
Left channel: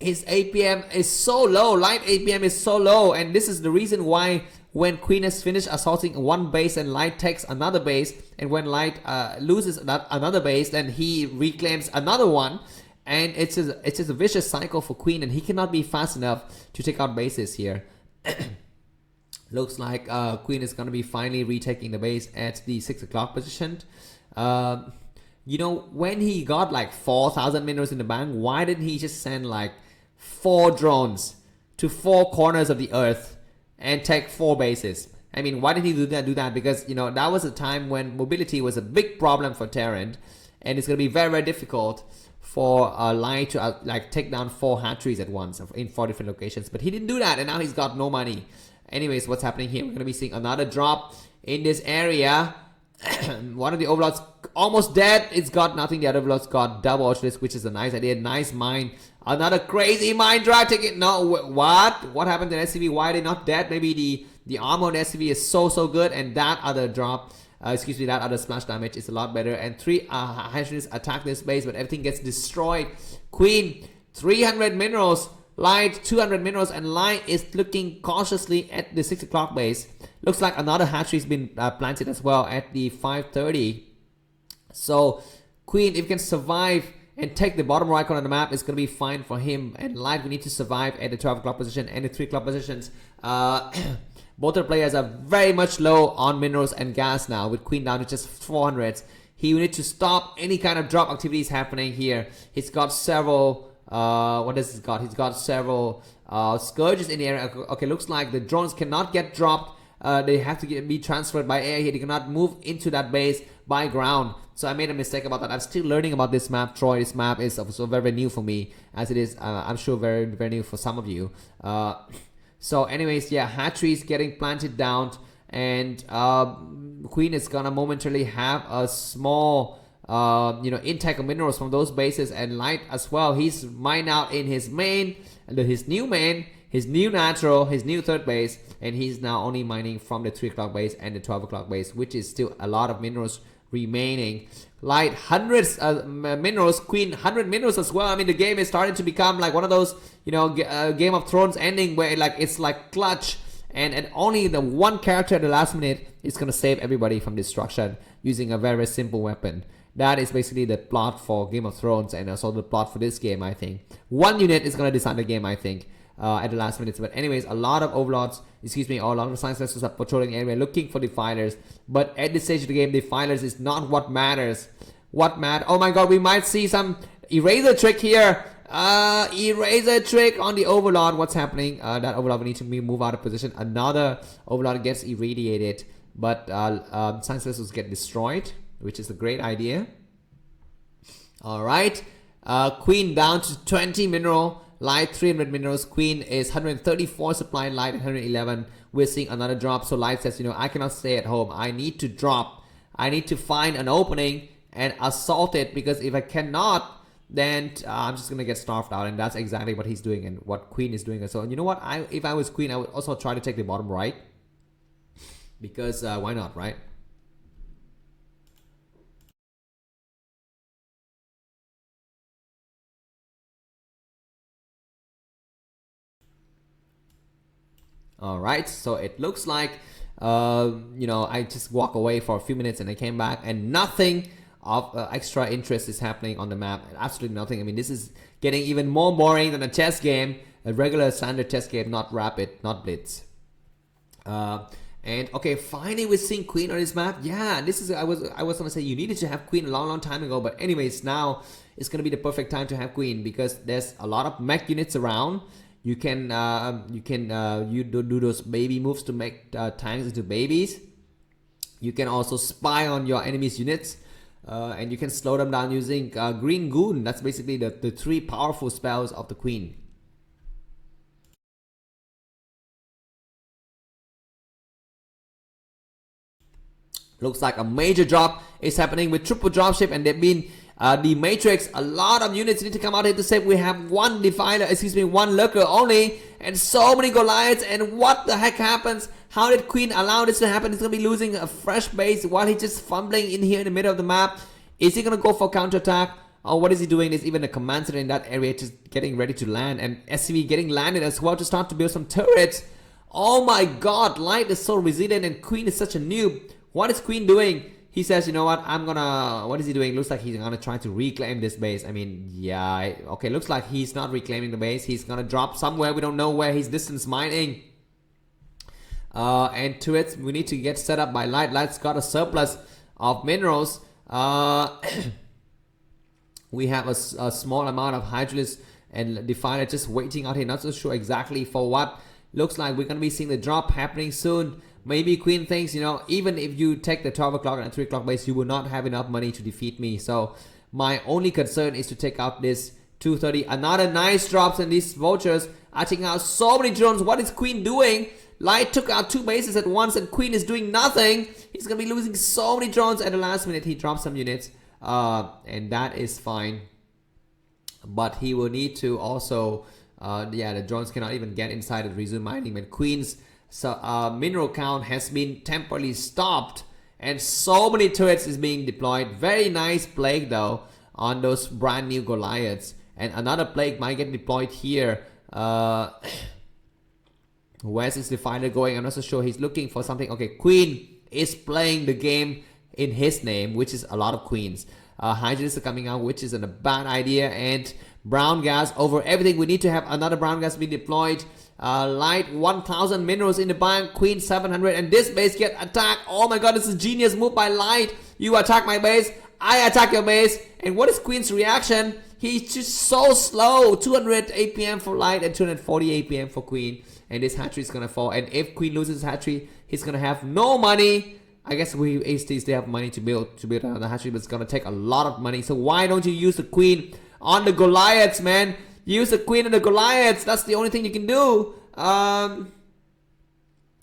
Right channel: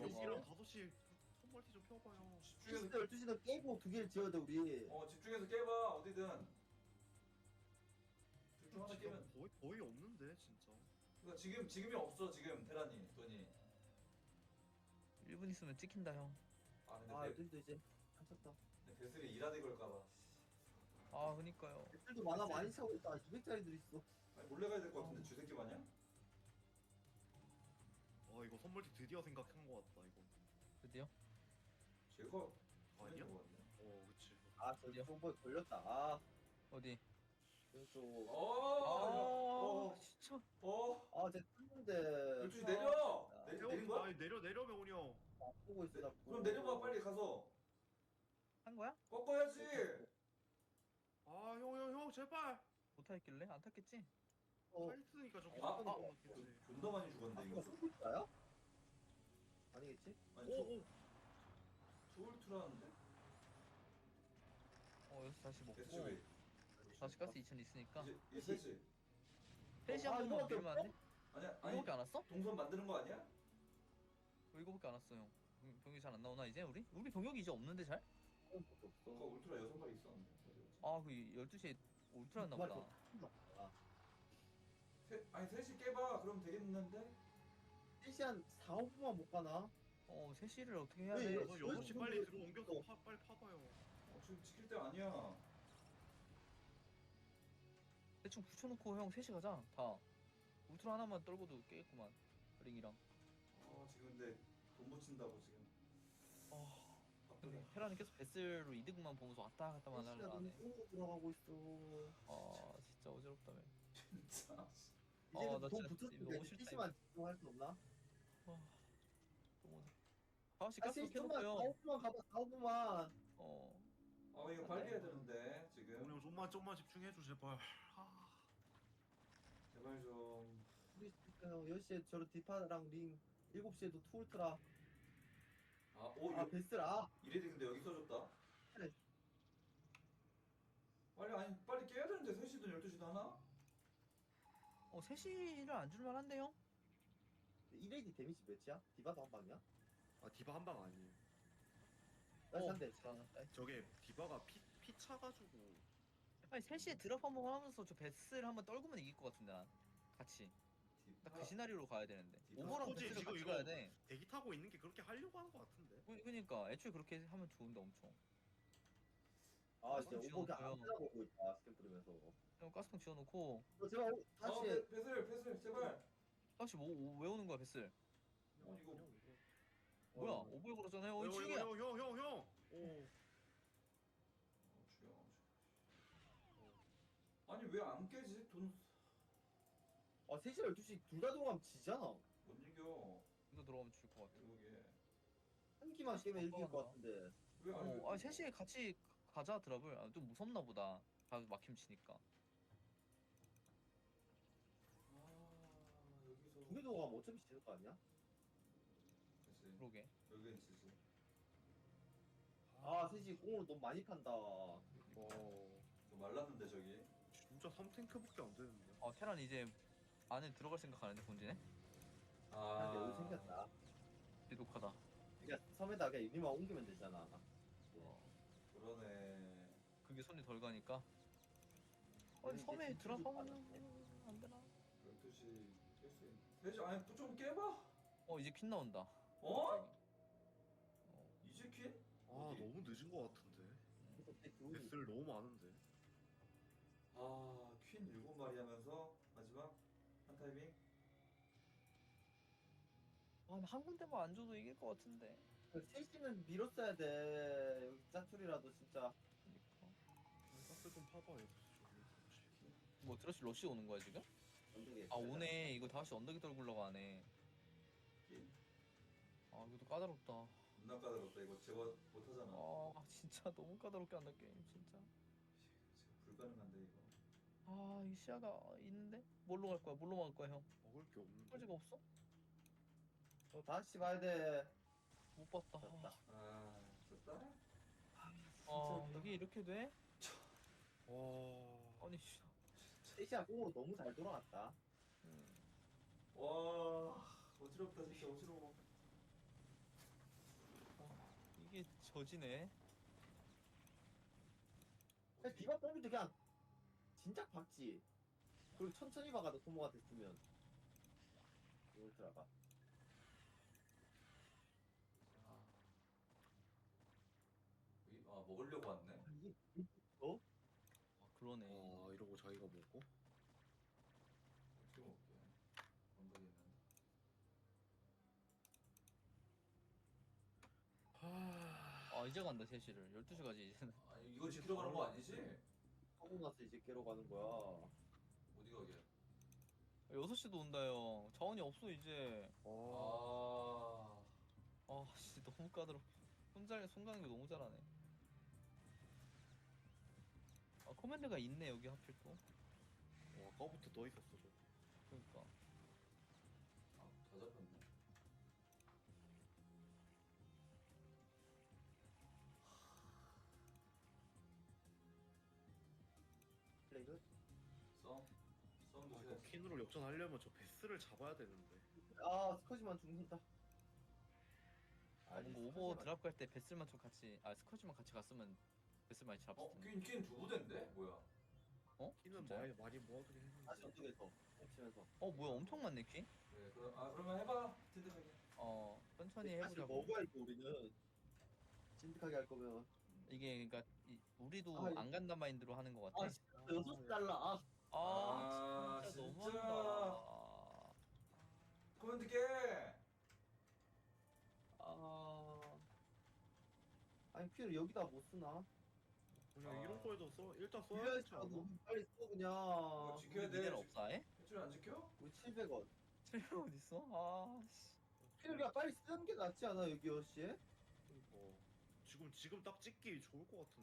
his APM is so low. Light APM is so low, and this is the reason why when Queen has finished assaulting one base and Light takes another base, and when Light loses another base, then he reclaims another one, and it's just a vicious cycle for Queen, and he cannot be fast enough to take out bases here. Looks like Queen is going to be finally retaking the base at the 6 o'clock position. You know, when he got like 4,000 minerals in the bank, why didn't he just send like 4 drones to 4 corners of the earth and take 4 bases? I mean, why did he do that? Because, you know, that was a time when mobility was a big problem for Terran, and it's going to be very, very difficult for Light to like take down 4 hatcheries at once in 4 different locations. But he didn't do that, and now he's got no money. Anyways, what's happening here? We're going to be seeing another drop in this area. One of the overlords almost dead. It's got nothing. The other overlords got double Ultralisk, which is a nice idea. Nice mine. Another crazy mine drag ticket. No, what happened to SCV? Why are they not dead? Maybe the armor on SCV is so good, and that other drop, that other splash damage is a lot better. And 3 Hydralis attack this base, but everything gets destroyed. Queen 300 minerals. Light 200 minerals, and Light is looking cautiously at the 6 o'clock base. Looks like another hatchery's been planted as well at the 5:30. So Queen, if you can survive and take the bottom right corner of the map, it's going to be fine for him. And Light, we need to survive at the 12 o'clock position and the 3 o'clock positions. Both the players are very much low on minerals and gas now, with Queen down to just 400. He will need to stop any kind of drop activities happening here. He's got several, what has he got? He's got several scourges in the area. Okay, looks like the drones cannot get dropped. They have to be transferred by air here. They cannot move into that base by ground. So I made a mistake about that. I'm still learning about this map, Troy. This map is also very new for me, as it is, I'm sure, very, very new for some of you. So anyways, yeah, hatcheries getting planted down, and Queen is gonna momentarily have a small intake of minerals from those bases, and Light as well. He's mined out in his main, his new main, his new natural, his new third base, and he's now only mining from the 3 o'clock base and the 12 o'clock base, which is still a lot of minerals remaining. Light hundreds minerals, Queen 100 minerals as well. I mean, the game is starting to become like one of those, Game of Thrones ending where it's like clutch, and only the one character at the last minute is gonna save everybody from destruction using a very simple weapon. That is basically the plot for Game of Thrones, and also the plot for this game, I think. One unit is gonna decide the game, I think, at the last minutes. But anyways, a lot of overlords, or a lot of science vessels are patrolling the area looking for defilers. But at this stage of the game, defilers is not what matters. Oh my god, we might see some eraser trick here. Eraser trick on the overlord. What's happening? That overlord will need to move out of position. Another overlord gets irradiated, but science vessels get destroyed, which is a great idea. Alright, Queen down to 20 mineral, Light 300 minerals. Queen is 134 supply, Light 111. We're seeing another drop, so Light says, I cannot stay at home. I need to drop. I need to find an opening and assault it, because if I cannot, then I'm just gonna get starved out, and that's exactly what he's doing and what Queen is doing. So you know what? If I was Queen, I would also try to take the bottom right, because why not, right? Alright, so it looks like I just walk away for a few minutes and I came back, and nothing of extra interest is happening on the map. Absolutely nothing. I mean, this is getting even more boring than a chess game, a regular standard chess game, not rapid, not blitz. And okay, finally we're seeing Queen on this map. Yeah, this is I was gonna say you needed to have Queen a long time ago, but anyways, now it's gonna be the perfect time to have Queen, because there's a lot of mech units around. You can do those baby moves to make tanks into babies. You can also spy on your enemy's units, and you can slow them down using Green Goon. That's basically the 3 powerful spells of the Queen. Looks like a major drop is happening with triple dropship, and they've been the Matrix. A lot of units need to come out here to save. We have one defiler, one lurker only, and so many Goliaths. And what the heck happens? How did Queen allow this to happen? He's gonna be losing a fresh base while he's just fumbling in here in the middle of the map. Is he gonna go for counterattack, or what is he doing? There's even a command center in that area just getting ready to land, and SCV getting landed as well to start to build some turrets. Oh my god, Light is so resilient and Queen is such a noob. What is Queen doing? He says, you know what, what is he doing? Looks like he's gonna try to reclaim this base. I mean, yeah, okay, looks like he's not reclaiming the base. He's gonna drop somewhere. We don't know where he's distance mining. And turrets, we need to get set up by Light. Light's got a surplus of minerals. We have a small amount of Hydralis and Defiler just waiting out here. Not so sure exactly for what. Looks like we're gonna be seeing the drop happening soon. Maybe Queen thinks, even if you take the 12 o'clock and 3 o'clock base, you will not have enough money to defeat me. So my only concern is to take out this 230. Another nice drops, and these vultures are taking out so many drones. What is Queen doing? Light took out 2 bases at once, and Queen is doing nothing. He's gonna be losing so many drones at the last minute. He dropped some units, and that is fine. But he will need to also, the drones cannot even get inside and resume mining. When Queen's mineral count has been temporarily stopped, and so many turrets is being deployed. Very nice plague though on those brand new Goliaths, and another plague might get deployed here. Where's his defender going? I'm not so sure. He's looking for something. Okay, queen is playing the game in his name, which is a lot of queens. Hydras are coming out, which is a bad idea. And brown gas over everything. We need to have another brown gas being deployed. Light 1000 minerals in the bank. Queen 700. And this base get attacked. Oh my god, this is genius move by Light. You attack my base, I attack your base. And what is Queen's reaction? He's just so slow. 200 APM for Light and 240 APM for Queen. And this hatchery is gonna fall. And if Queen loses hatchery, he's gonna have no money. I guess we HTs, they have money to build another hatchery, but it's gonna take a lot of money. So why don't you use the Queen on the Goliaths, man? Use the Queen on the Goliaths. That's the only thing you can do.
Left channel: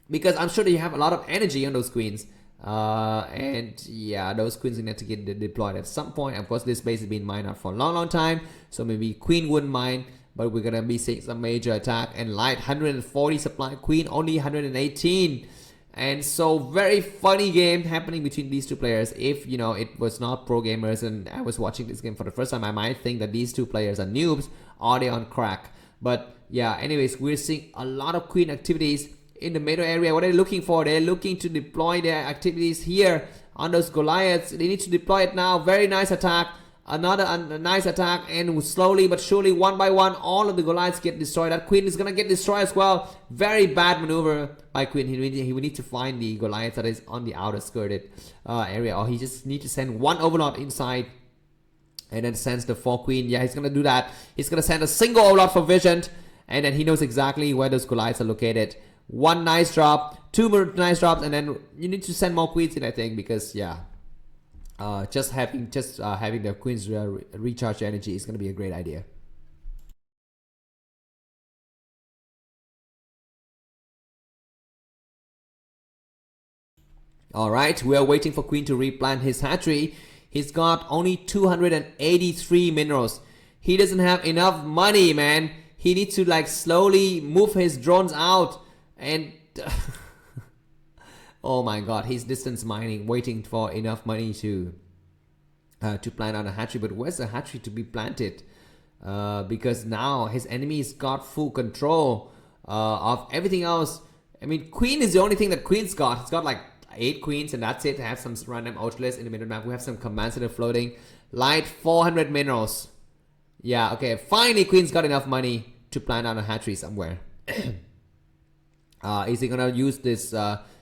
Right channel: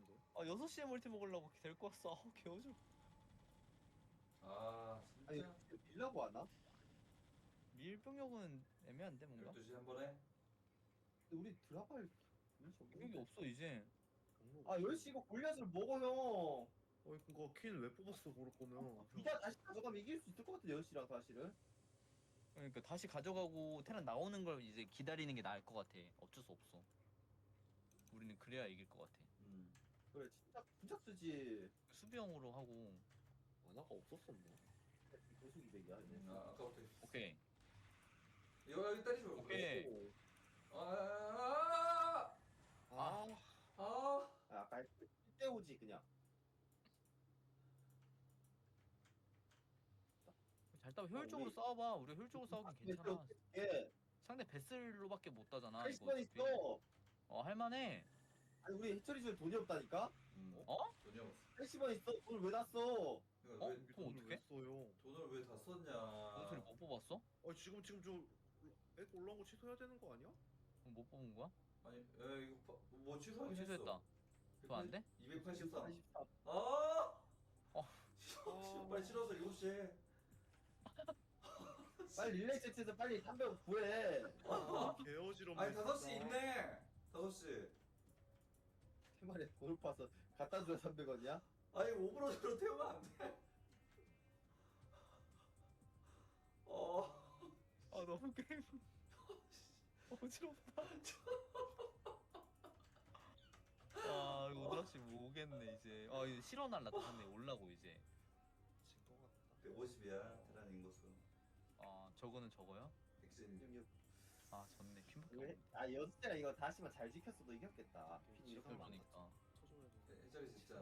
Because I'm sure that you have a lot of energy on those queens. And yeah, those queens need to get deployed at some point. Of course, this base has been mined out for a long time, so maybe Queen wouldn't mind. But we're gonna be seeing some major attack. And Light 140 supply, Queen only 118. And so very funny game happening between these two players. If you know it was not pro gamers and I was watching this game for the first time, I might think that these two players are noobs or they on crack. But yeah, anyways, we're seeing a lot of Queen activities in the middle area. What are they looking for? They're looking to deploy their activities here on those Goliaths. They need to deploy it now. Very nice attack. Another nice attack, and slowly but surely, one by one, all of the Goliaths get destroyed. That Queen is gonna get destroyed as well. Very bad maneuver by Queen. He will need to find the Goliath that is on the outer skirted area, or he just need to send one Overlord inside and then sends the 4 Queen. Yeah, he's gonna do that. He's gonna send a single Overlord for vision, and then he knows exactly where those Goliaths are located. One nice drop, 2 more nice drops, and then you need to send more Queens in, I think, because yeah. Just having the Queens recharge energy is gonna be a great idea. Alright, we are waiting for Queen to replant his hatchery. He's got only 283 minerals. He doesn't have enough money, man. He needs to like slowly move his drones out and oh my god, he's distance mining, waiting for enough money to plant on a hatchery. But where's the hatchery to be planted? Because now his enemies got full control of everything else. I mean, Queen is the only thing that Queen's got. He's got like 8 queens and that's it. Have some random outlets in the middle map. We have some command center floating. Light 400 minerals. Yeah, okay. Finally, Queen's got enough money to plant on a hatchery somewhere. Is he gonna use this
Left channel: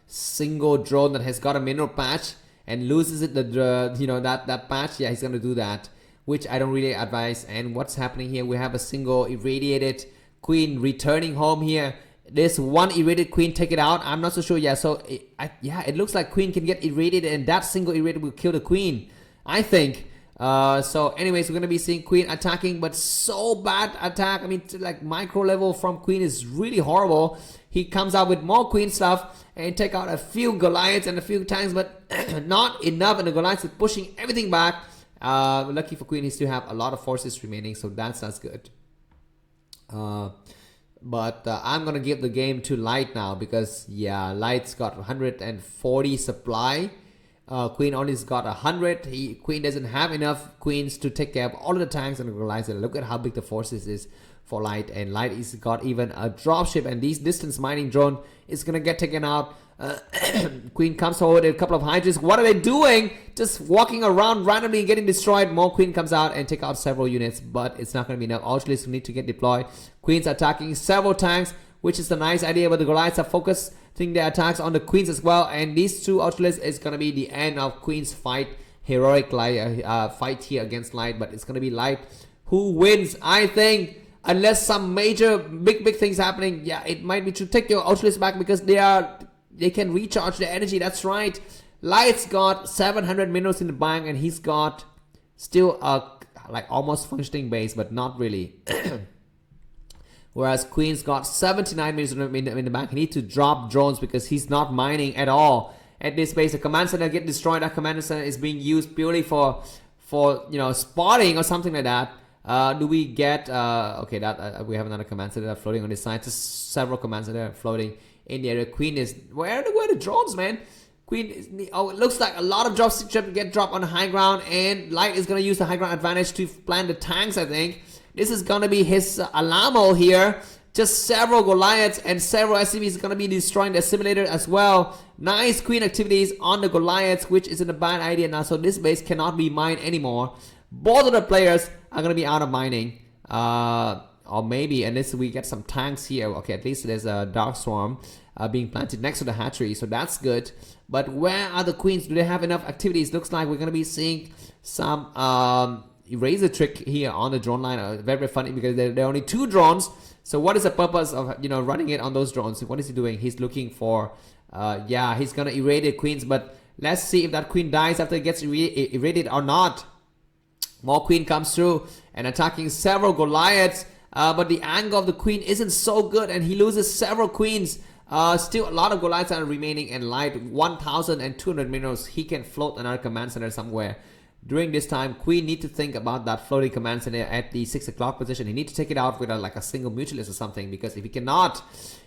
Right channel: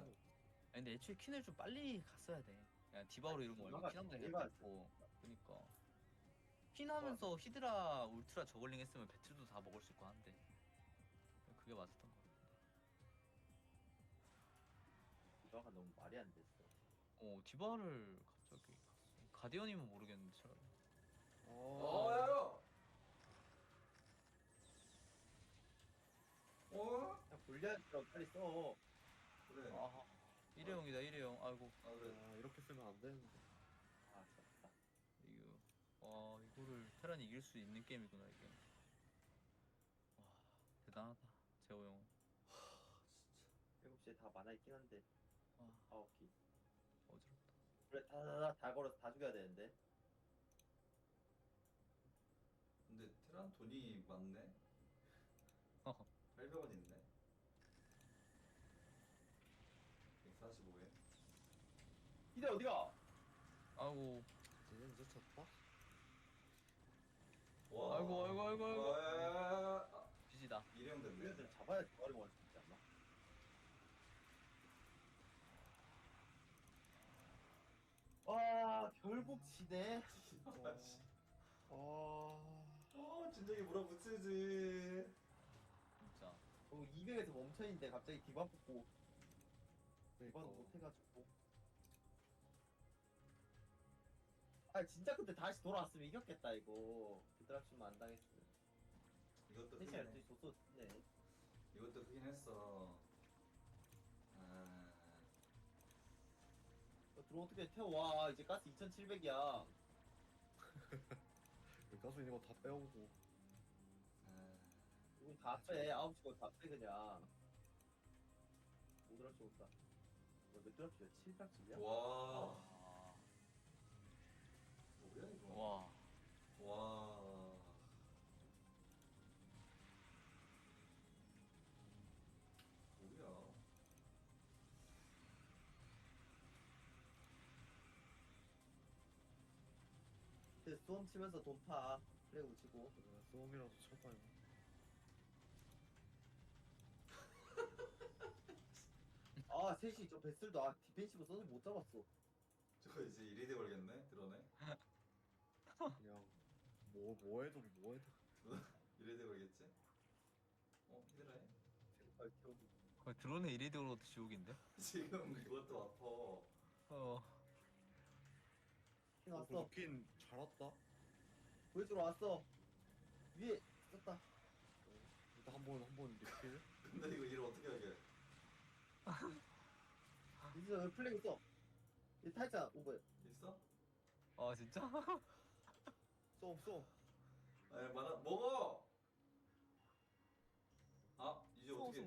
single drone that has got a mineral patch and loses it, you know, that patch? Yeah, he's gonna do that, which I don't really advise. And what's happening here? We have a single irradiated Queen returning home here. This one irradiated Queen, take it out. I'm not so sure. Yeah, so yeah, it looks like Queen can get irradiated, and that single irradiated will kill the Queen, I think. So anyways, we're gonna be seeing Queen attacking, but so bad attack. I mean, like micro level from Queen is really horrible. He comes out with more Queen stuff and take out a few Goliaths and a few tanks, but not enough, and the Goliaths is pushing everything back. Lucky for Queen, he still have a lot of forces remaining, so that's good. But I'm gonna give the game to Light now, because yeah, Light's got 140 supply. Queen only's got 100. Queen doesn't have enough Queens to take care of all of the tanks and the Goliaths. Look at how big the forces is for Light, and Light is got even a dropship, and these distance mining drone is gonna get taken out. Queen comes forward with a couple of Hydras. What are they doing? Just walking around randomly and getting destroyed. More Queen comes out and take out several units, but it's not gonna be enough. Ultras need to get deployed. Queen's attacking several tanks, which is a nice idea, but the Goliaths are focusing their attacks on the Queens as well, and these two Ultras is gonna be the end of Queen's fight. Heroic fight here against Light, but it's gonna be Light who wins, I think. Unless some major big things happening, yeah, it might be to take your Ultras back, because they can recharge their energy. That's right. Light's got 700 minerals in the bank, and he's got still a like almost functioning base, but not really. Whereas Queen's got 79 minerals in the bank. He needs to drop drones because he's not mining at all at this base. The command center get destroyed. That command center is being used purely for you know, spotting or something like that. Do we get okay, that we have another command center floating on this side. Just several commands that are floating in the area. Queen is where are the drones, man? Queen is, oh, it looks like a lot of drops get dropped on the high ground, and Light is gonna use the high ground advantage to plant the tanks. I think this is gonna be his Alamo here just several Goliaths and several SCVs going to be destroying the simulator as well. Nice queen activities on the Goliaths, which isn't a bad idea now. So this base cannot be mined anymore. Both of the players are going to be out of mining. Or maybe, unless we get some tanks here. Okay, at least there's a Dark Swarm being planted next to the hatchery, so that's good. But where are the queens? Do they have enough activities? Looks like we're going to be seeing some eraser trick here on the drone line. Very, very funny because there are only 2 drones. So what is the purpose of, you know, running it on those drones? What is he doing? He's looking for, yeah, he's going to irradiate queens. But let's see if that queen dies after it gets irradiated or not. More queen comes through and attacking several Goliaths. But the angle of the queen isn't so good, and he loses several queens. Still a lot of Goliaths are remaining, and light 1,200 minerals. He can float another command center somewhere. During this time, queen need to think about that floating command center at the 6 o'clock position. He need to take it out with like a single mutualist or something, because if he cannot,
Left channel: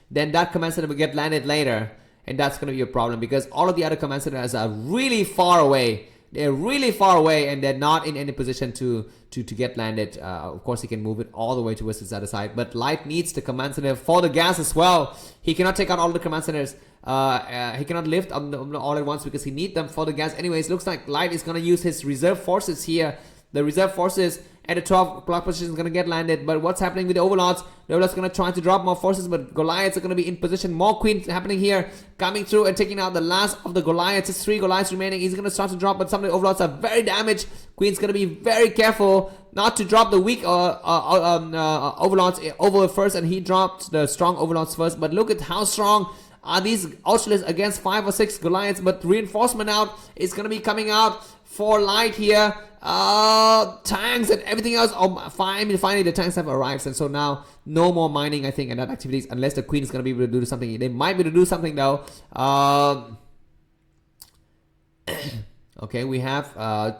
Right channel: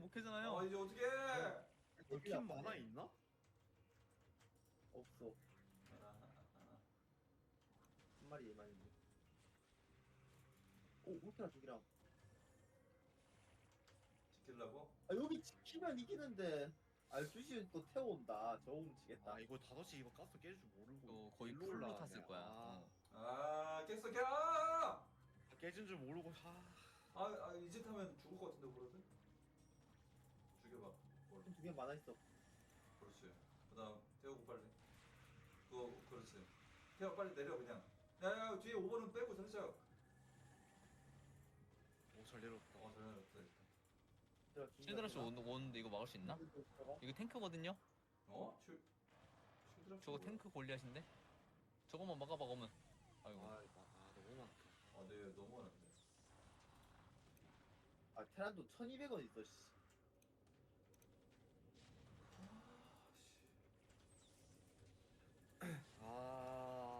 then that command center will get landed later, and that's going to be a problem because all of the other command centers are really far away. They're really far away, and they're not in any position to get landed. Of course, he can move it all the way towards his other side, but light needs the command center for the gas as well. He cannot take out all the command centers. He cannot lift all at once because he needs them for the gas. Anyways, looks like light is going to use his reserve forces here. The reserve forces at the 12 o'clock position is going to get landed. But what's happening with the overlords? The overlords are going to try to drop more forces, but Goliaths are going to be in position. More queens happening here, coming through and taking out the last of the Goliaths. Just 3 Goliaths remaining. He's going to start to drop, but some of the overlords are very damaged. Queen's going to be very careful not to drop the weak overlords over first, and he dropped the strong overlords first. But look at how strong are these Ultralists against 5 or 6 Goliaths. But reinforcement out is going to be coming out for light here. Tanks and everything else. Oh, finally the tanks have arrived, and so now no more mining, I think, and that activities, unless the queen is going to be able to do something. They might be able to do something though. Okay, we have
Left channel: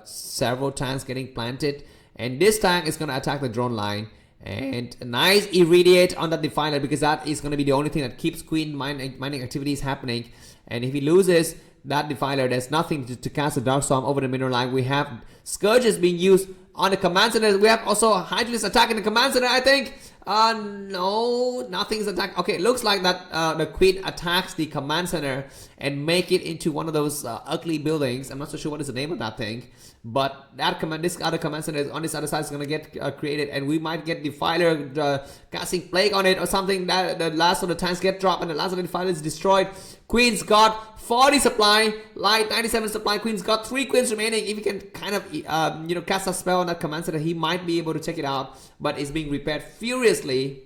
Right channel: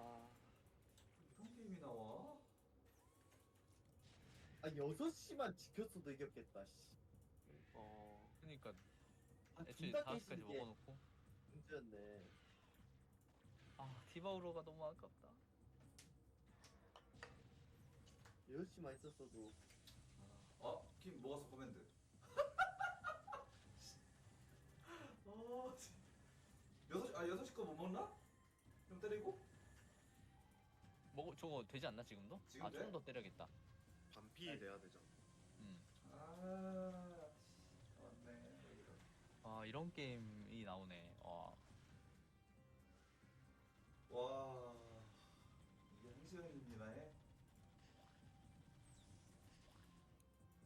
several tanks getting planted, and this tank is going to attack the drone line. And a nice irradiate on that defiler, because that is going to be the only thing that keeps queen mining activities happening. And if he loses that defiler, there's nothing to cast a Dark Storm over the mineral line. We have Scourges being used on the command center. We have also Hydralisk attacking the command center, I think. No, nothing's attacked. Okay, it looks like that the queen attacks the command center and make it into one of those ugly buildings. I'm not so sure what is the name of that thing, but that this other command center on this other side is going to get created, and we might get Defiler casting Plague on it or something. That the last of the tanks get dropped, and the last of the Defiler is destroyed. Queen's got 40 supply, light 97 supply. Queen's got 3 queens remaining. If he can kind of you know, cast a spell on that command center, he might be able to check it out, but it's being repaired furiously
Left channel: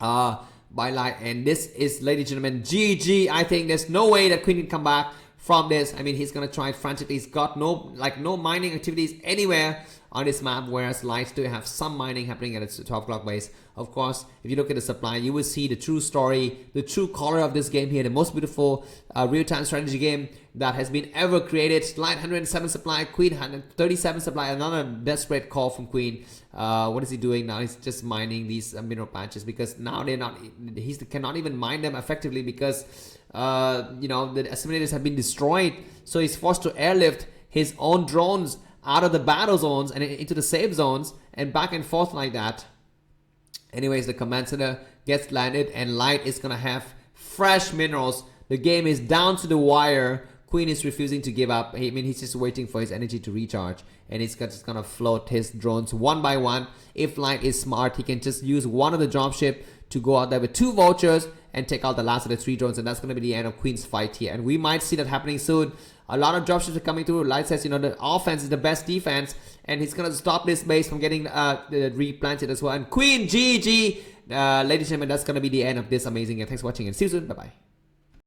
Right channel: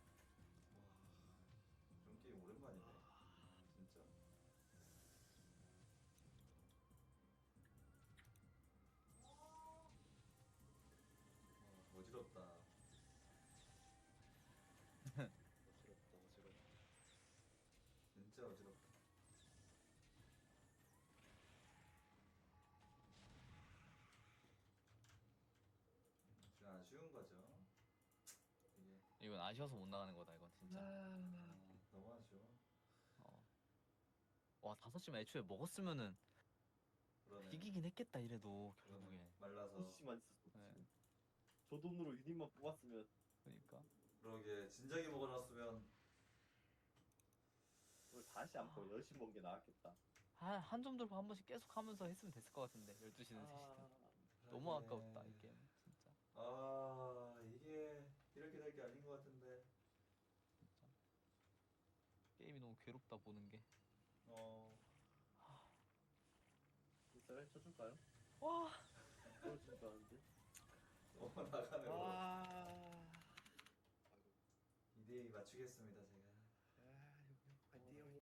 by light. And this is, ladies and gentlemen, GG. I think there's no way that queen can come back from this. I mean, he's gonna try frantically. He's got no mining activities anywhere on this map, whereas light still have some mining happening at its 12 o'clock base. Of course, if you look at the supply, you will see the true story, the true color of this game here, the most beautiful real-time strategy game that has been ever created. Light 107 supply, Queen 137 supply. Another desperate call from Queen. What is he doing now? He's just mining these mineral patches, because now they're not. He cannot even mine them effectively because you know, the assimilators have been destroyed. So he's forced to airlift his own drones out of the battle zones and into the safe zones and back and forth like that. Anyways, the command center gets landed, and light is gonna have fresh minerals. The game is down to the wire. Queen is refusing to give up. I mean, he's just waiting for his energy to recharge, and he's just gonna float his drones one by one. If light is smart, he can just use one of the dropship to go out there with 2 vultures and take out the last of the 3 drones, and that's gonna be the end of Queen's fight here. And we might see that happening soon. A lot of dropships are coming through. Light says, you know, the offense is the best defense, and he's gonna stop this base from getting replanted as well. And Queen, GG. Ladies and gentlemen, that's gonna be the end of this amazing game. Thanks for watching, and see you soon. Bye bye.